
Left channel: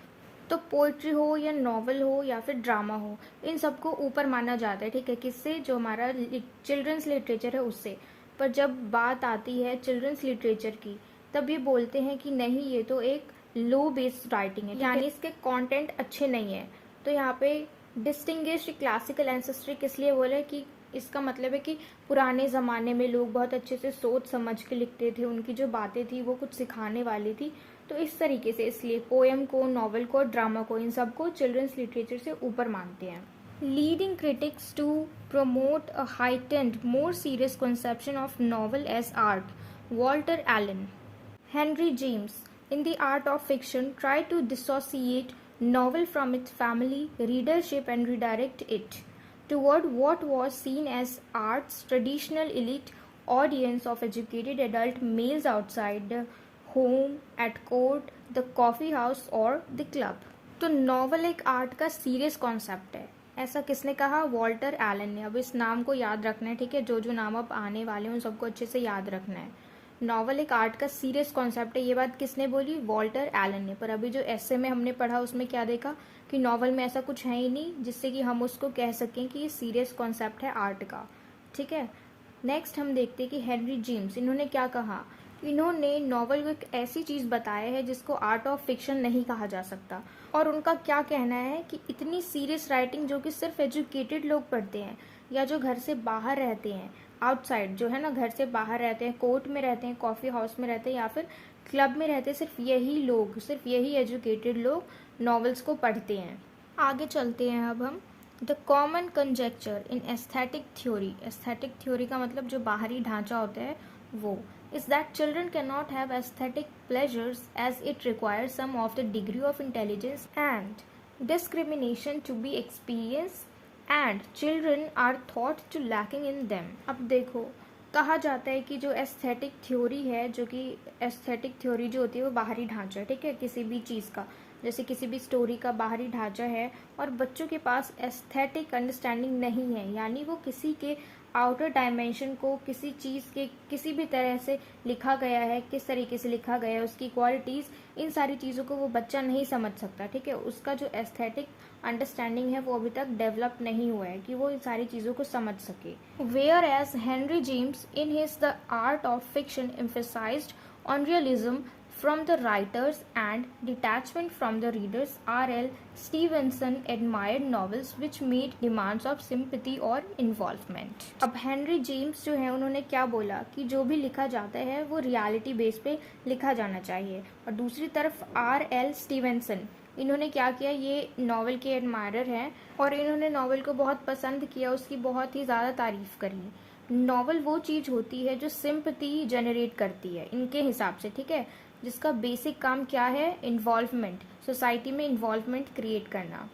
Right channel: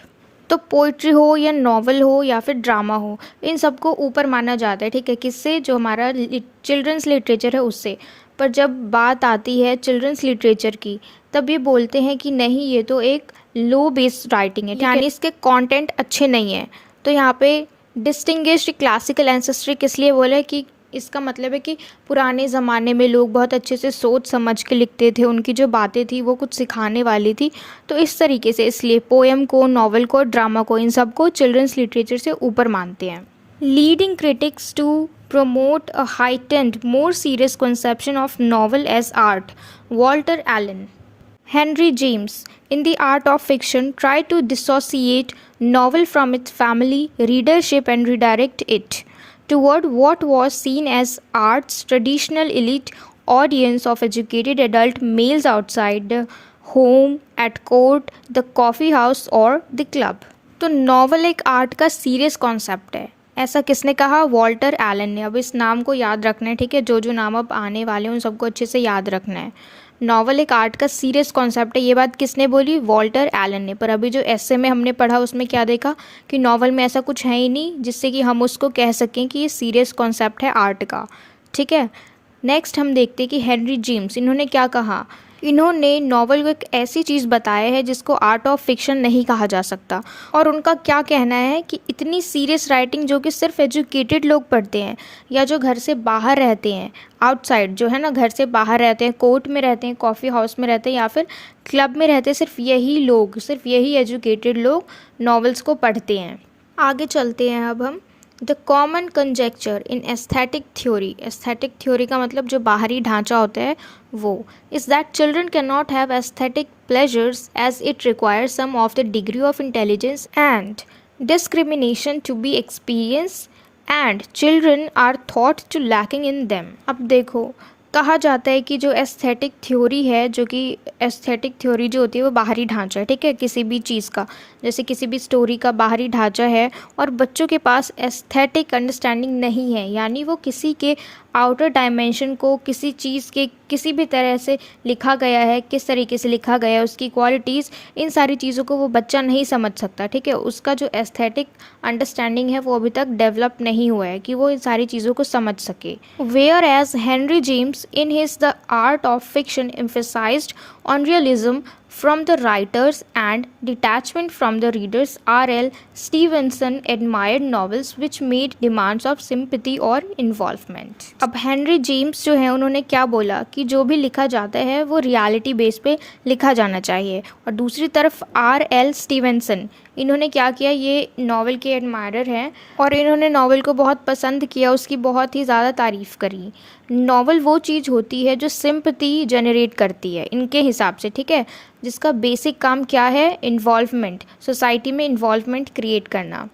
तो पोइट्री हो या नॉवल हो या फिर ड्रामा हो, इन सबको ऊपर माना जाता है, ठीक है, किससे, जो हमारा चिल्ड्रंस लिटरेचर है उससे। पर जब बात आती है चिल्ड्रंस लिटरेचर की, तब ये बोलते हैं कि नहीं, ये तो एक लो बेस्ड राइटिंग है, यानी इसके कंटेंट अच्छे नहीं हैं। तो यहाँ पे डिस्टिंग्विश्ड क्लासिकल एंसेस्ट्री किस लिए बोले, कि इसका मतलब है कि पुराने ज़माने में लोग बहुत अच्छे से सोच समझ के लिखते थे, उनकी जो बातें थी वो कुछ सिखाने वाली थी। तो इस तरीके से इसलिए पोएम को, नॉवल को, ड्रामा को, इन सब को चिल्ड्रंस लिटरेचर से ऊपर मानते हैं। Leading critics to promote a heightened, more serious conception of novel as art, Walter Allen. Henry James, in The Art of Fiction, tried to dissociate novel from its family readership and redirect it toward what was seen as art's traditional elite audience of educated adult males outside the home, at court, the coffee house or the club. तो novel एक art का serious concept है, ऐसा किसने कहा? Walter Allen ने। अब इस नाम को याद रखना है, ठीक है, जो जो नाम अब आने वाले हैं उन सबको अच्छे से याद रखना है। नॉवल एक आर्ट का सीरियस कॉन्सेप्ट है, ये बात किसने बोली? वॉल्टर एलन ने। पर अभी जो एस्से में हमने पढ़ा उसमें क्या देखा कि नॉवल में ऐसा कुछ है ही नहीं जिससे कि हम उसको कह सकें कि ये सीरियस कॉन्सेप्ट है आर्ट का, ठीक है। नेक्स्ट हम देखते हैं कि हेनरी जेम्स, इन्होंने क्या कहा। इन्होंने नॉवल को एक ऐसी चीज़ बताया है जिसको आर्ट ऑफ फिक्शन नहीं कहा जा सकता। और उनका क्या कहना है कि इतनी सीरियस राइटिंग जो कि सिर्फ एजुकेटेड लोग पढ़ते हैं, या जो घर से बाहर रहते हैं, आउटसाइड जो है ना, घर से बाहर रहते हैं, कोर्ट में रहते हैं, कॉफ़ी हाउस में रहते हैं, या फिर क्लब में रहते हैं, सिर्फ यही लोग, सिर्फ यही एजुकेटेड लोग नॉवेल्स को पढ़ते हैं। आगे चलते हैं अब हम the common conjecture in aesthetic theory का मतलब जो बाहरी ढांचा होता है वो is that children can not have aesthetic pleasures as it requires some of the degree of intelligence and discrimination to be experience and children are thought to lacking in them. अब देखो, कहा जाता है कि जो एस्थेटिक थ्योरी है, जो कि एस्थेटिक थ्योरी जो होती है वो बाहरी ढांचा है, ठीक है, किसी भी चीज़ का, जैसे किसी भी स्टोरी का बाहरी ढांचा है और बच्चों के पास एस्थेटिक अंडरस्टैंडिंग नहीं है, यानी वो किसी के आउटर डायमेंशन को, किसी चीज़ के किसी भी तरह से लिखा गया है, किस तरीके से लिखा गया है, उसकी क्वालिटीज़, इन सारी चीज़ों को वो बच्चा नहीं समझ सकता, ठीक है। उसका जो एस्थेटिक अंडरस्टैंडिंग है वो अभी तक डेवलप नहीं हुआ है कि वो इन सारी चीज़ों को समझ सके। Where as Henry James in his The Art of Fiction emphasized on realism from the writers and detachment from the readers, R.L. Stevenson admired novels which made demands of sympathy or involvement। अब Henry James जो है उन्होंने क्या बोला कि जो भी लिखा जाता है वो रियलिटी बेस पे लिखा जाना चाहिए, और दूसरी तरफ R.L. स्टीवेंसन, इन्होंने क्या किया, ये नॉवल के एडमायरर हैं और इन्होंने नॉवल को बहुत पसंद किया, उसकी बहुत ही ज़्यादा तारीफ़ करी। नॉवल वो चीज़ होती है जो सिंपैथी जनरेट करती है इनके हिसाब से, ठीक है, जिसका बेसिक काम क्या है, इन्वॉल्वमेंट, सोसाइटी में इन्वॉल्वमेंट क्रिएट करना।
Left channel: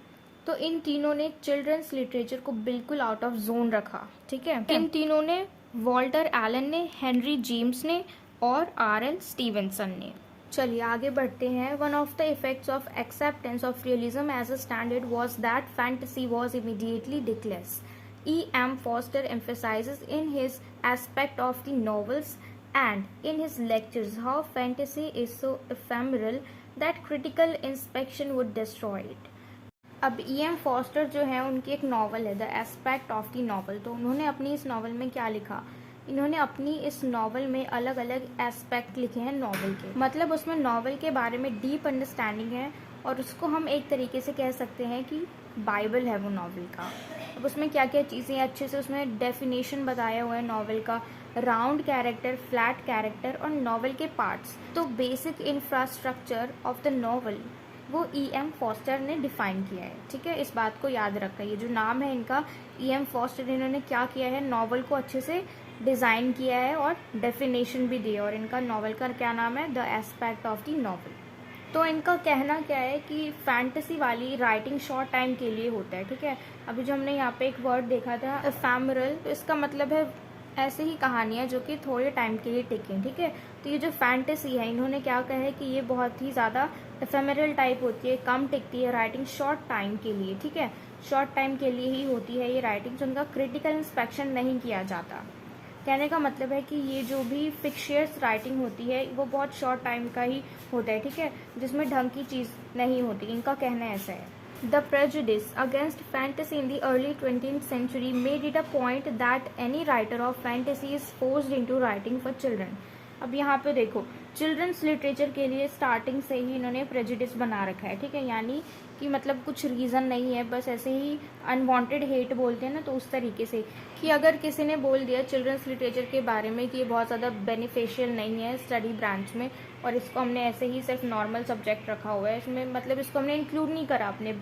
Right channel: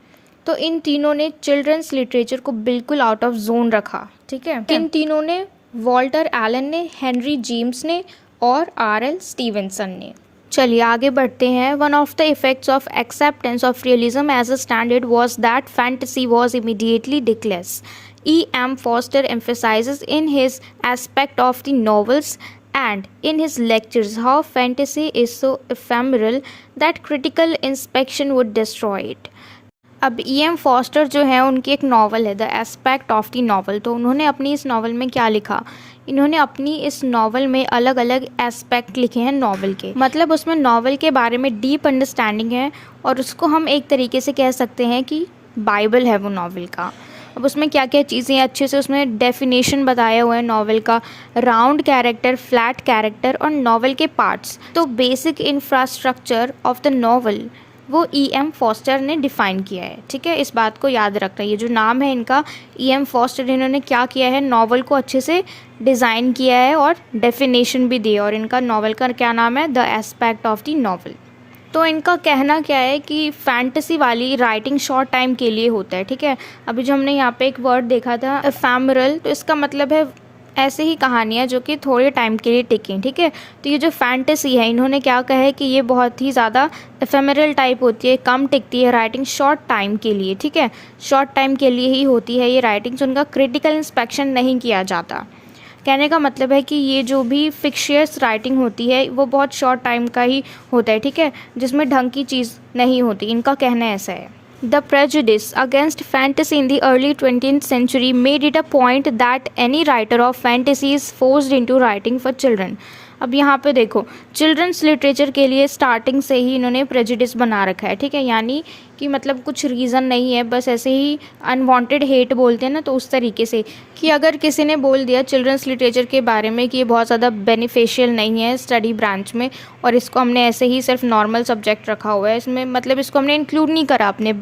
तो इन तीनों ने चिल्ड्रंस लिटरेचर को बिल्कुल आउट ऑफ जोन रखा, ठीक है। इन तीनों ने, वॉल्टर एलन ने, हेनरी जेम्स ने और R.L. स्टीवेंसन ने। चलिए आगे बढ़ते हैं। One of the effects of acceptance of realism as a standard was that fantasy was immediately declassed. E.M. Forster emphasizes in his aspect of the novels and in his lectures how fantasy is so ephemeral that critical inspection would destroy it। अब E.M. Foster जो है उनकी एक novel है the aspect of the novel, तो उन्होंने अपनी इस नावल में क्या लिखा, इन्होंने अपनी इस नावल में अलग अलग एस्पेक्ट लिखे हैं नावल के, मतलब उसमें नावल के बारे में डीप अंडरस्टैंडिंग है और उसको हम एक तरीके से कह सकते हैं कि बाइबल है वो नावल का। अब उसमें क्या क्या चीज़ें अच्छे से उसमें डेफिनेशन बताया हुआ है नावल का, राउंड कैरेक्टर, फ्लैट कैरेक्टर और नावल के पार्ट्स। तो basic infrastructure of the novel वो E.M. फॉस्टर ने डिफ़ाइन किया है, ठीक है, इस बात को याद रखना। ये जो नाम है इनका E.M. फॉस्टर, इन्होंने क्या किया है, नावल को अच्छे से डिज़ाइन किया है और डेफिनेशन भी दी है, और इनका नावल का क्या नाम है, the aspect of the novel. तो इनका कहना क्या है कि फैंटेसी वाली राइटिंग शॉर्ट टाइम के लिए होता है, ठीक है। अभी जो हमने यहाँ पे एक वर्ड देखा था एफेमरल, तो इसका मतलब है ऐसे ही कहानियाँ जो कि थोड़े टाइम के लिए टिकें, ठीक है। तो ये जो फैंटेसी है, इन्होंने क्या कहा है कि ये बहुत ही ज़्यादा एफेमरल टाइप होती है, कम टिकती है राइटिंग शॉर्ट टाइम के लिए, ठीक है, शॉर्ट टाइम के लिए ही होती है ये राइटिंग्स, उनका क्रिटिकल इंस्पेक्शन नहीं किया जाता। कहने का मतलब है कि ये जो भी फिक्शियस राइटिंग होती है वो बहुत शॉर्ट टाइम का ही होता है, ठीक है, जिसमें ढंग की चीज़ नहीं होती, इनका कहना ऐसा है। The prejudice against fantasy in the early 20th century made it a point that any writer of fantasy is forced into writing for children। अब यहाँ पे देखो, चिल्ड्रंस लिटरेचर के लिए स्टार्टिंग से ही इन्होंने प्रेजुडिस बना रखा है, ठीक है, यानी कि मतलब कुछ रीज़न नहीं है, बस ऐसे ही अनवांटेड हेट बोलते हैं ना, तो उस तरीके से कि अगर किसी ने बोल दिया चिल्ड्रंस लिटरेचर के बारे में कि ये बहुत ज़्यादा बेनिफिशियल नहीं है स्टडी ब्रांच में, और इसको हमने ऐसे ही सिर्फ नॉर्मल सब्जेक्ट रखा हुआ है इसमें, मतलब इसको हमने इंक्लूड नहीं करा अपने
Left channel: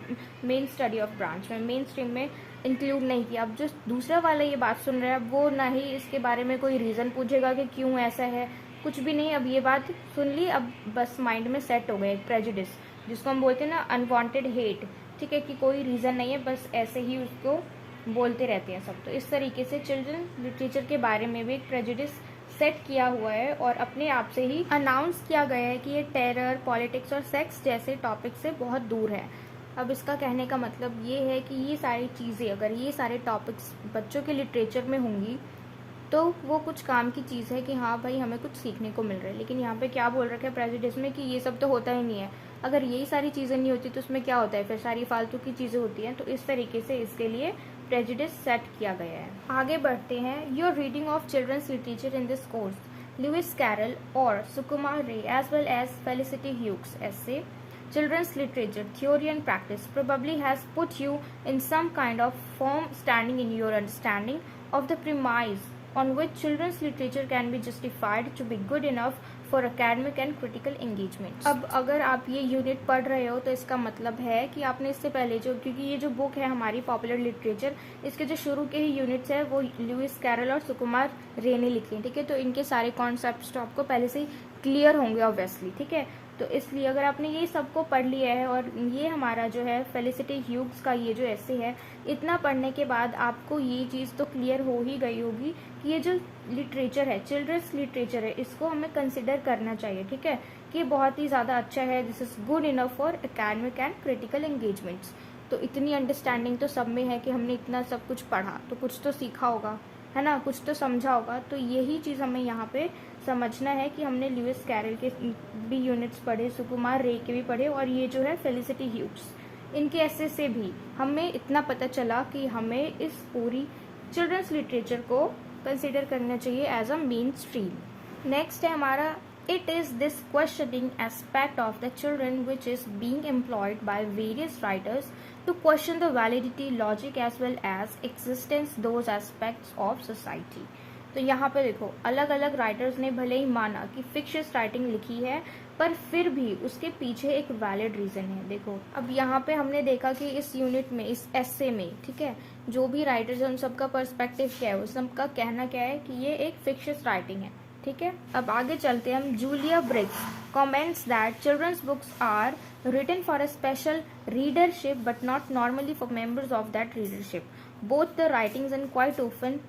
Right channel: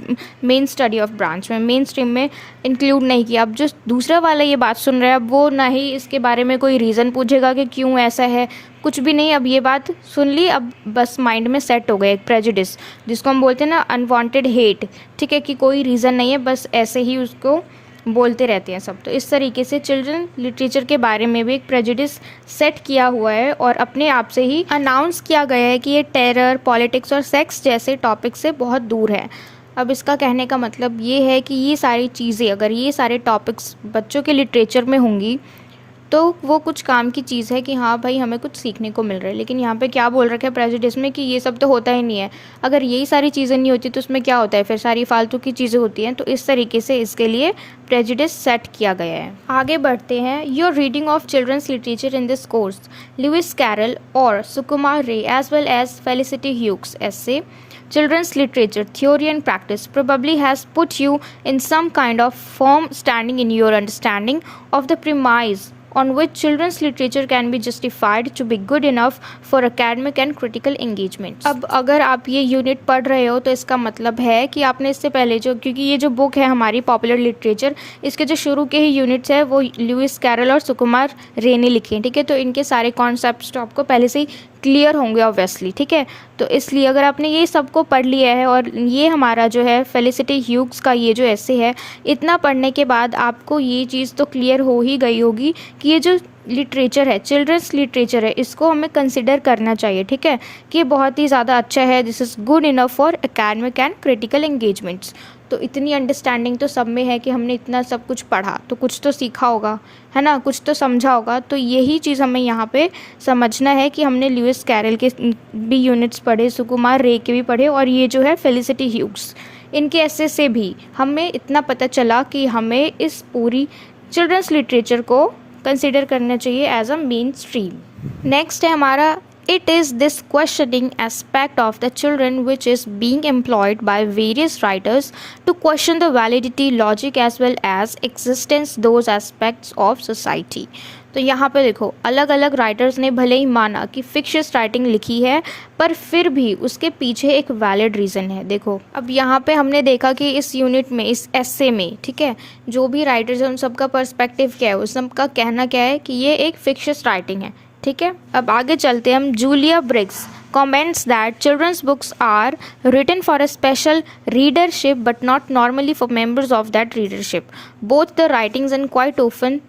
मेन स्टडी ऑफ ब्रांच में, मेन स्ट्रीम में इंक्लूड नहीं किया। अब जो दूसरा वाला ये बात सुन रहा है, अब वो ना ही इसके बारे में कोई रीज़न पूछेगा कि क्यों ऐसा है, कुछ भी नहीं, अब ये बात सुन ली, अब बस माइंड में सेट हो गया एक प्रेजुडिस, जिसको हम बोलते हैं ना अनवांटेड हेट, ठीक है, कि कोई रीज़न नहीं है, बस ऐसे ही उसको बोलते रहते हैं सब। तो इस तरीके से चिल्ड्रन लिटरेचर के बारे में भी एक प्रेजुडिस सेट किया हुआ है और अपने आप से ही अनाउंस किया गया है कि ये टेरर, पॉलिटिक्स और सेक्स जैसे टॉपिक से बहुत दूर है। अब इसका कहने का मतलब ये है कि ये सारी चीज़ें, अगर ये सारे टॉपिक्स बच्चों के लिटरेचर में होंगी तो वो कुछ काम की चीज़ है कि हाँ भाई हमें कुछ सीखने को मिल रहा है। लेकिन यहाँ पे क्या बोल रखा है प्रेजुडिस में कि ये सब तो होता ही नहीं है, अगर यही सारी चीज़ें नहीं होती तो उसमें क्या होता है, फिर सारी फालतू की चीज़ें होती हैं। तो इस तरीके से इसके लिए प्रेजुडिस सेट किया गया है। आगे बढ़ते हैं। Your reading of children's literature in this course, Lewis Carroll और Sukumar Ray as well as Felicity Hughes essay Children's Literature Theory and Practice probably has put you in some kind of firm standing in your understanding of the premise on which children's literature can be justified to be good enough for academic and critical engagements। अब अगर आप ये unit पढ़ रहे हो तो इसका मतलब है कि आपने इससे पहले जो, क्योंकि ये जो बुक है हमारी पॉपुलर लिटरेचर, इसके जो शुरू के ही यूनिट्स है वो लुइस कैरल और सुकुमार रे ने लिखे हैं, ठीक है। तो इनके सारे कॉन्सेप्ट्स तो आपको पहले से ही क्लियर होंगे ऑब्वियसली, ठीक है। तो इसलिए अगर आपने ये सबको पढ़ लिया है और ये हमारा जो है फेलिसिटी ह्यूग्स का ये जो ऐसे है, इतना पढ़ने के बाद आपको ये चीज़ तो क्लियर हो ही गई होगी कि ये जो लिटरेचर है, चिल्ड्रंस लिटरेचर है, इसको हमें कंसिडर करना चाहिए, ठीक है, कि ये बहुत ही ज़्यादा अच्छा है। This is good enough for academic and critical engagements. तो इतनी अंडरस्टैंडिंग तो सब में है कि हमने इतना सब कुछ पढ़ा तो कुछ तो सीखा होगा, है ना, कुछ तो समझा होगा। तो यही चीज़ हमें यहाँ पे समझना है कि हमने लुइस कैरल के भी यूनिट्स पढ़े, सुकुमार रे के भी पढ़े, और ये जो है फेलिसिटी ह्यूग्स, इनके ऐसे से भी हमें इतना पता चला कि हमें इस पूरी चिल्ड्रंस लिटरेचर को कंसिडर करना चाहिए as a mainstream. Next है हमारा It is this questioning aspect of the children which is being employed by various writers to question the validity, logic as well as existence those aspects of society। तो यहाँ पे देखो अलग अलग writers ने भले ही माना कि फिक्शियस राइटिंग लिखी है, पर फिर भी उसके पीछे एक वैलिड रीज़न है। देखो अब यहाँ पे हमने देखा कि इस यूनिट में, इस एस्से में, ठीक है, जो भी राइटर्स हैं उन सबका पर्सपेक्टिव क्या है, उस सबका कहना क्या है कि ये एक फिक्शियस राइटिंग है, ठीक है। अब आगे चलते हैं हम। Julia Briggs comments that children's books are written for a special readership but not normally for members of that readership. Both the writings and quite often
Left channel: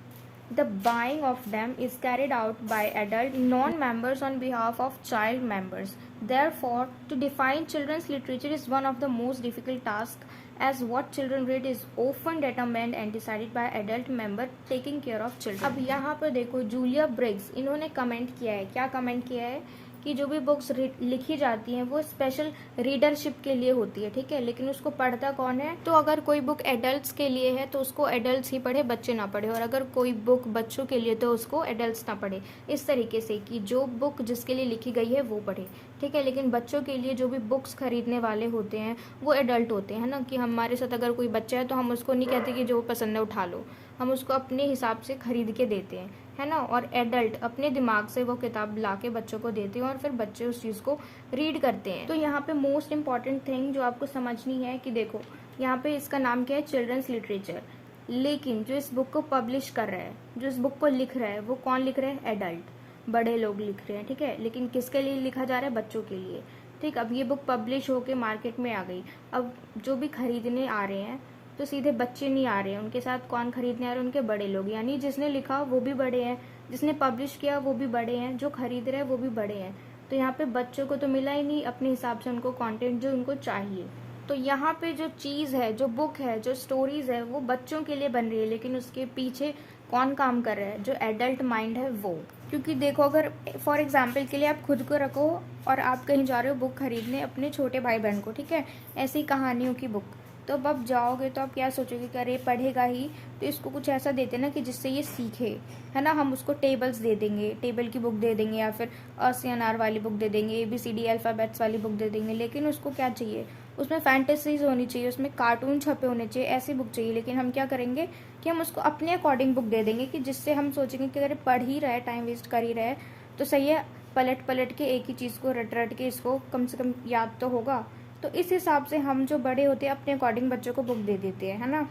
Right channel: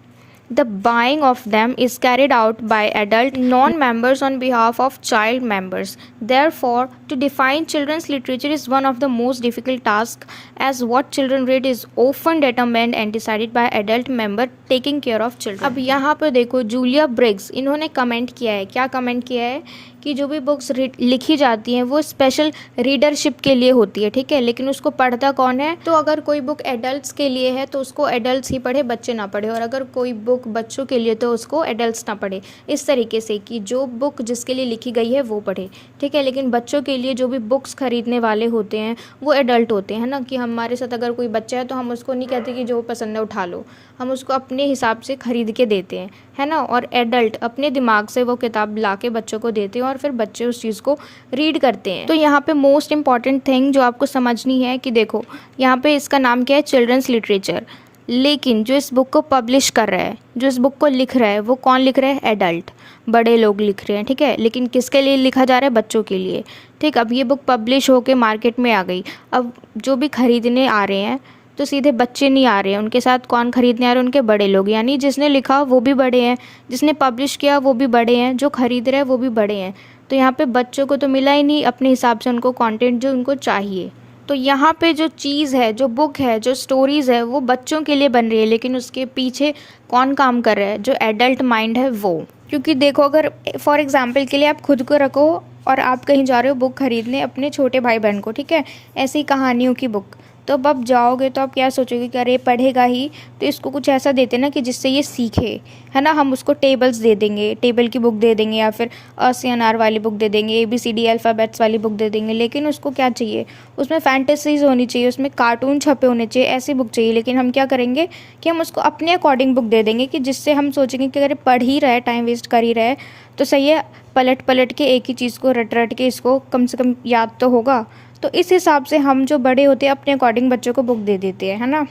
the buying of them is carried out by adult non-members on behalf of child members. Therefore, to define children's literature is one of the most difficult tasks, as what children read is often determined and decided by adult member taking care of children. अब यहाँ पर देखो Julia Briggs, इन्होंने comment किया है, क्या comment किया है कि जो भी बुक्स लिखी जाती हैं वो स्पेशल रीडरशिप के लिए होती है, ठीक है, लेकिन उसको पढ़ता कौन है। तो अगर कोई बुक एडल्ट्स के लिए है तो उसको एडल्ट्स ही पढ़े, बच्चे ना पढ़े, और अगर कोई बुक बच्चों के लिए तो उसको एडल्ट्स ना पढ़े। इस तरीके से कि जो बुक जिसके लिए लिखी गई है वो पढ़े, ठीक है, लेकिन बच्चों के लिए जो भी बुक्स खरीदने वाले होते हैं वो एडल्ट होते हैं ना, कि हमारे साथ अगर कोई बच्चा है तो हम उसको नहीं कहते कि जो पसंद है उठा लो, हम उसको अपने हिसाब से ख़रीद के देते हैं, है ना, और एडल्ट अपने दिमाग से वो किताब ला के बच्चों को देते हैं और फिर बच्चे उस चीज़ को रीड करते हैं। तो यहाँ पे मोस्ट इम्पॉर्टेंट थिंग जो आपको समझनी है कि देखो यहाँ पे इसका नाम क्या है, चिल्ड्रंस लिटरेचर, लेकिन जो इस बुक को पब्लिश कर रहा है, जो इस बुक को लिख रहा है, वो कौन लिख रहा है, एडल्ट, बड़े लोग लिख रहे हैं, ठीक है, लेकिन किसके लिए लिखा जा रहा है, बच्चों के लिए, ठीक। अब ये बुक पब्लिश होके मार्केट में आ गई, अब जो भी ख़रीदने आ रहे हैं तो सीधे बच्चे नहीं आ रहे हैं, उनके साथ कौन खरीदने आ रहे हैं, उनके बड़े लोग, यानी जिसने लिखा वो भी बड़े हैं, जिसने पब्लिश किया वो भी बड़े हैं, जो खरीद रहे हैं वो भी बड़े हैं। तो यहाँ पे बच्चों को तो मिला ही नहीं अपने हिसाब से उनको कंटेंट जो उनको चाहिए। तो यहाँ पे जो चीज़ है, जो बुक है, जो स्टोरीज़ है, वो बच्चों के लिए बन रही है, लेकिन उसके पीछे कौन काम कर रहा है, जो एडल्ट माइंड है वो। क्योंकि देखो अगर फॉर एग्जांपल के लिए आप खुद को रखो और आप कहीं जा रहे हो बुक खरीदने अपने छोटे भाई बहन को, ठीक है, ऐसी कहानियों की बुक, तो अब आप जाओगे तो आप क्या सोचोगे कि अरे पढ़ेगा ही, तो इसको कुछ ऐसा देते ना कि जिससे ये सीखे, है ना। हम उसको टेबल्स दे देंगे, टेबल की बुक दे देंगे, या फिर अ से अनार वाली बुक दे देंगे, ABCD अल्फ़ाबेट्स वाली बुक दे देंगे, लेकिन उसको क्या चाहिए, उसमें फैंटेसीज़ होनी चाहिए, उसमें कार्टून छपे होने चाहिए, ऐसी बुक चाहिए। लेकिन हम क्या करेंगे कि हम उसको अपने अकॉर्डिंग बुक दे देंगे कि जिससे हम सोचेंगे कि अगर पढ़ ही रहा है, टाइम वेस्ट कर ही रहा है, तो सही है, पलट पलट के एक ही चीज़ को रट रट के इसको कम से कम याद तो होगा। तो इस हिसाब से हम जो बड़े होते हैं अपने अकॉर्डिंग बच्चों को बुक दे देते हैं, है ना।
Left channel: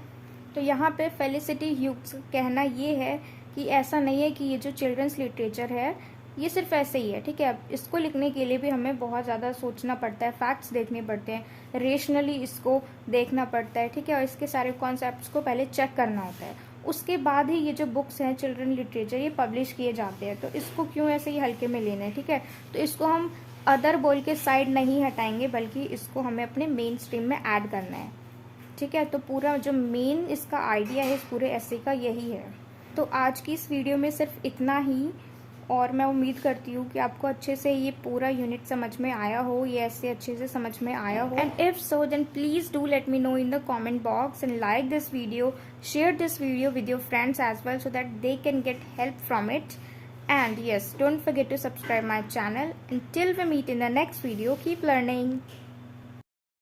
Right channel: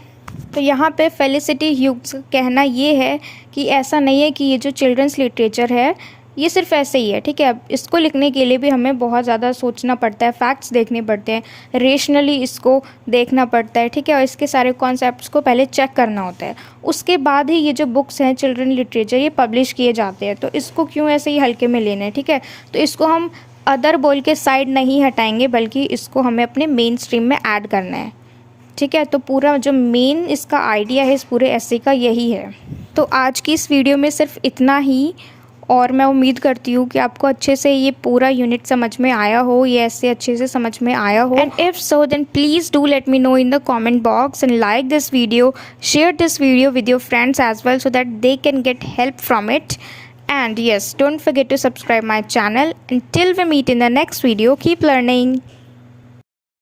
तो यहाँ पे फेलिसिटी ह्यूग्स कहना ये है कि ऐसा नहीं है कि ये जो चिल्ड्रंस लिटरेचर है ये सिर्फ ऐसे ही है, ठीक है। अब इसको लिखने के लिए भी हमें बहुत ज़्यादा सोचना पड़ता है, फैक्ट्स देखने पड़ते हैं, रेशनली इसको देखना पड़ता है, ठीक है, और इसके सारे कॉन्सेप्ट्स को पहले चेक करना होता है, उसके बाद ही ये जो बुक्स हैं चिल्ड्रन लिटरेचर ये पब्लिश किए जाते हैं। तो इसको क्यों ऐसे ही हल्के में लेना है, ठीक है। तो इसको हम अदर बोल के साइड नहीं हटाएंगे, बल्कि इसको हमें अपने मेन स्ट्रीम में ऐड करना है, ठीक है। तो पूरा जो मेन इसका आइडिया है इस पूरे ऐसे का यही है। तो आज की इस वीडियो में सिर्फ इतना ही, और मैं उम्मीद करती हूँ कि आपको अच्छे से ये पूरा यूनिट समझ में आया हो, ये ऐसे अच्छे से समझ में आया हो। And if so then please do let me know in the comment box and like this video, share this video with your friends as well so that they can get help from it. And yes, don't forget to subscribe my channel. Until we meet in the next video, keep learning.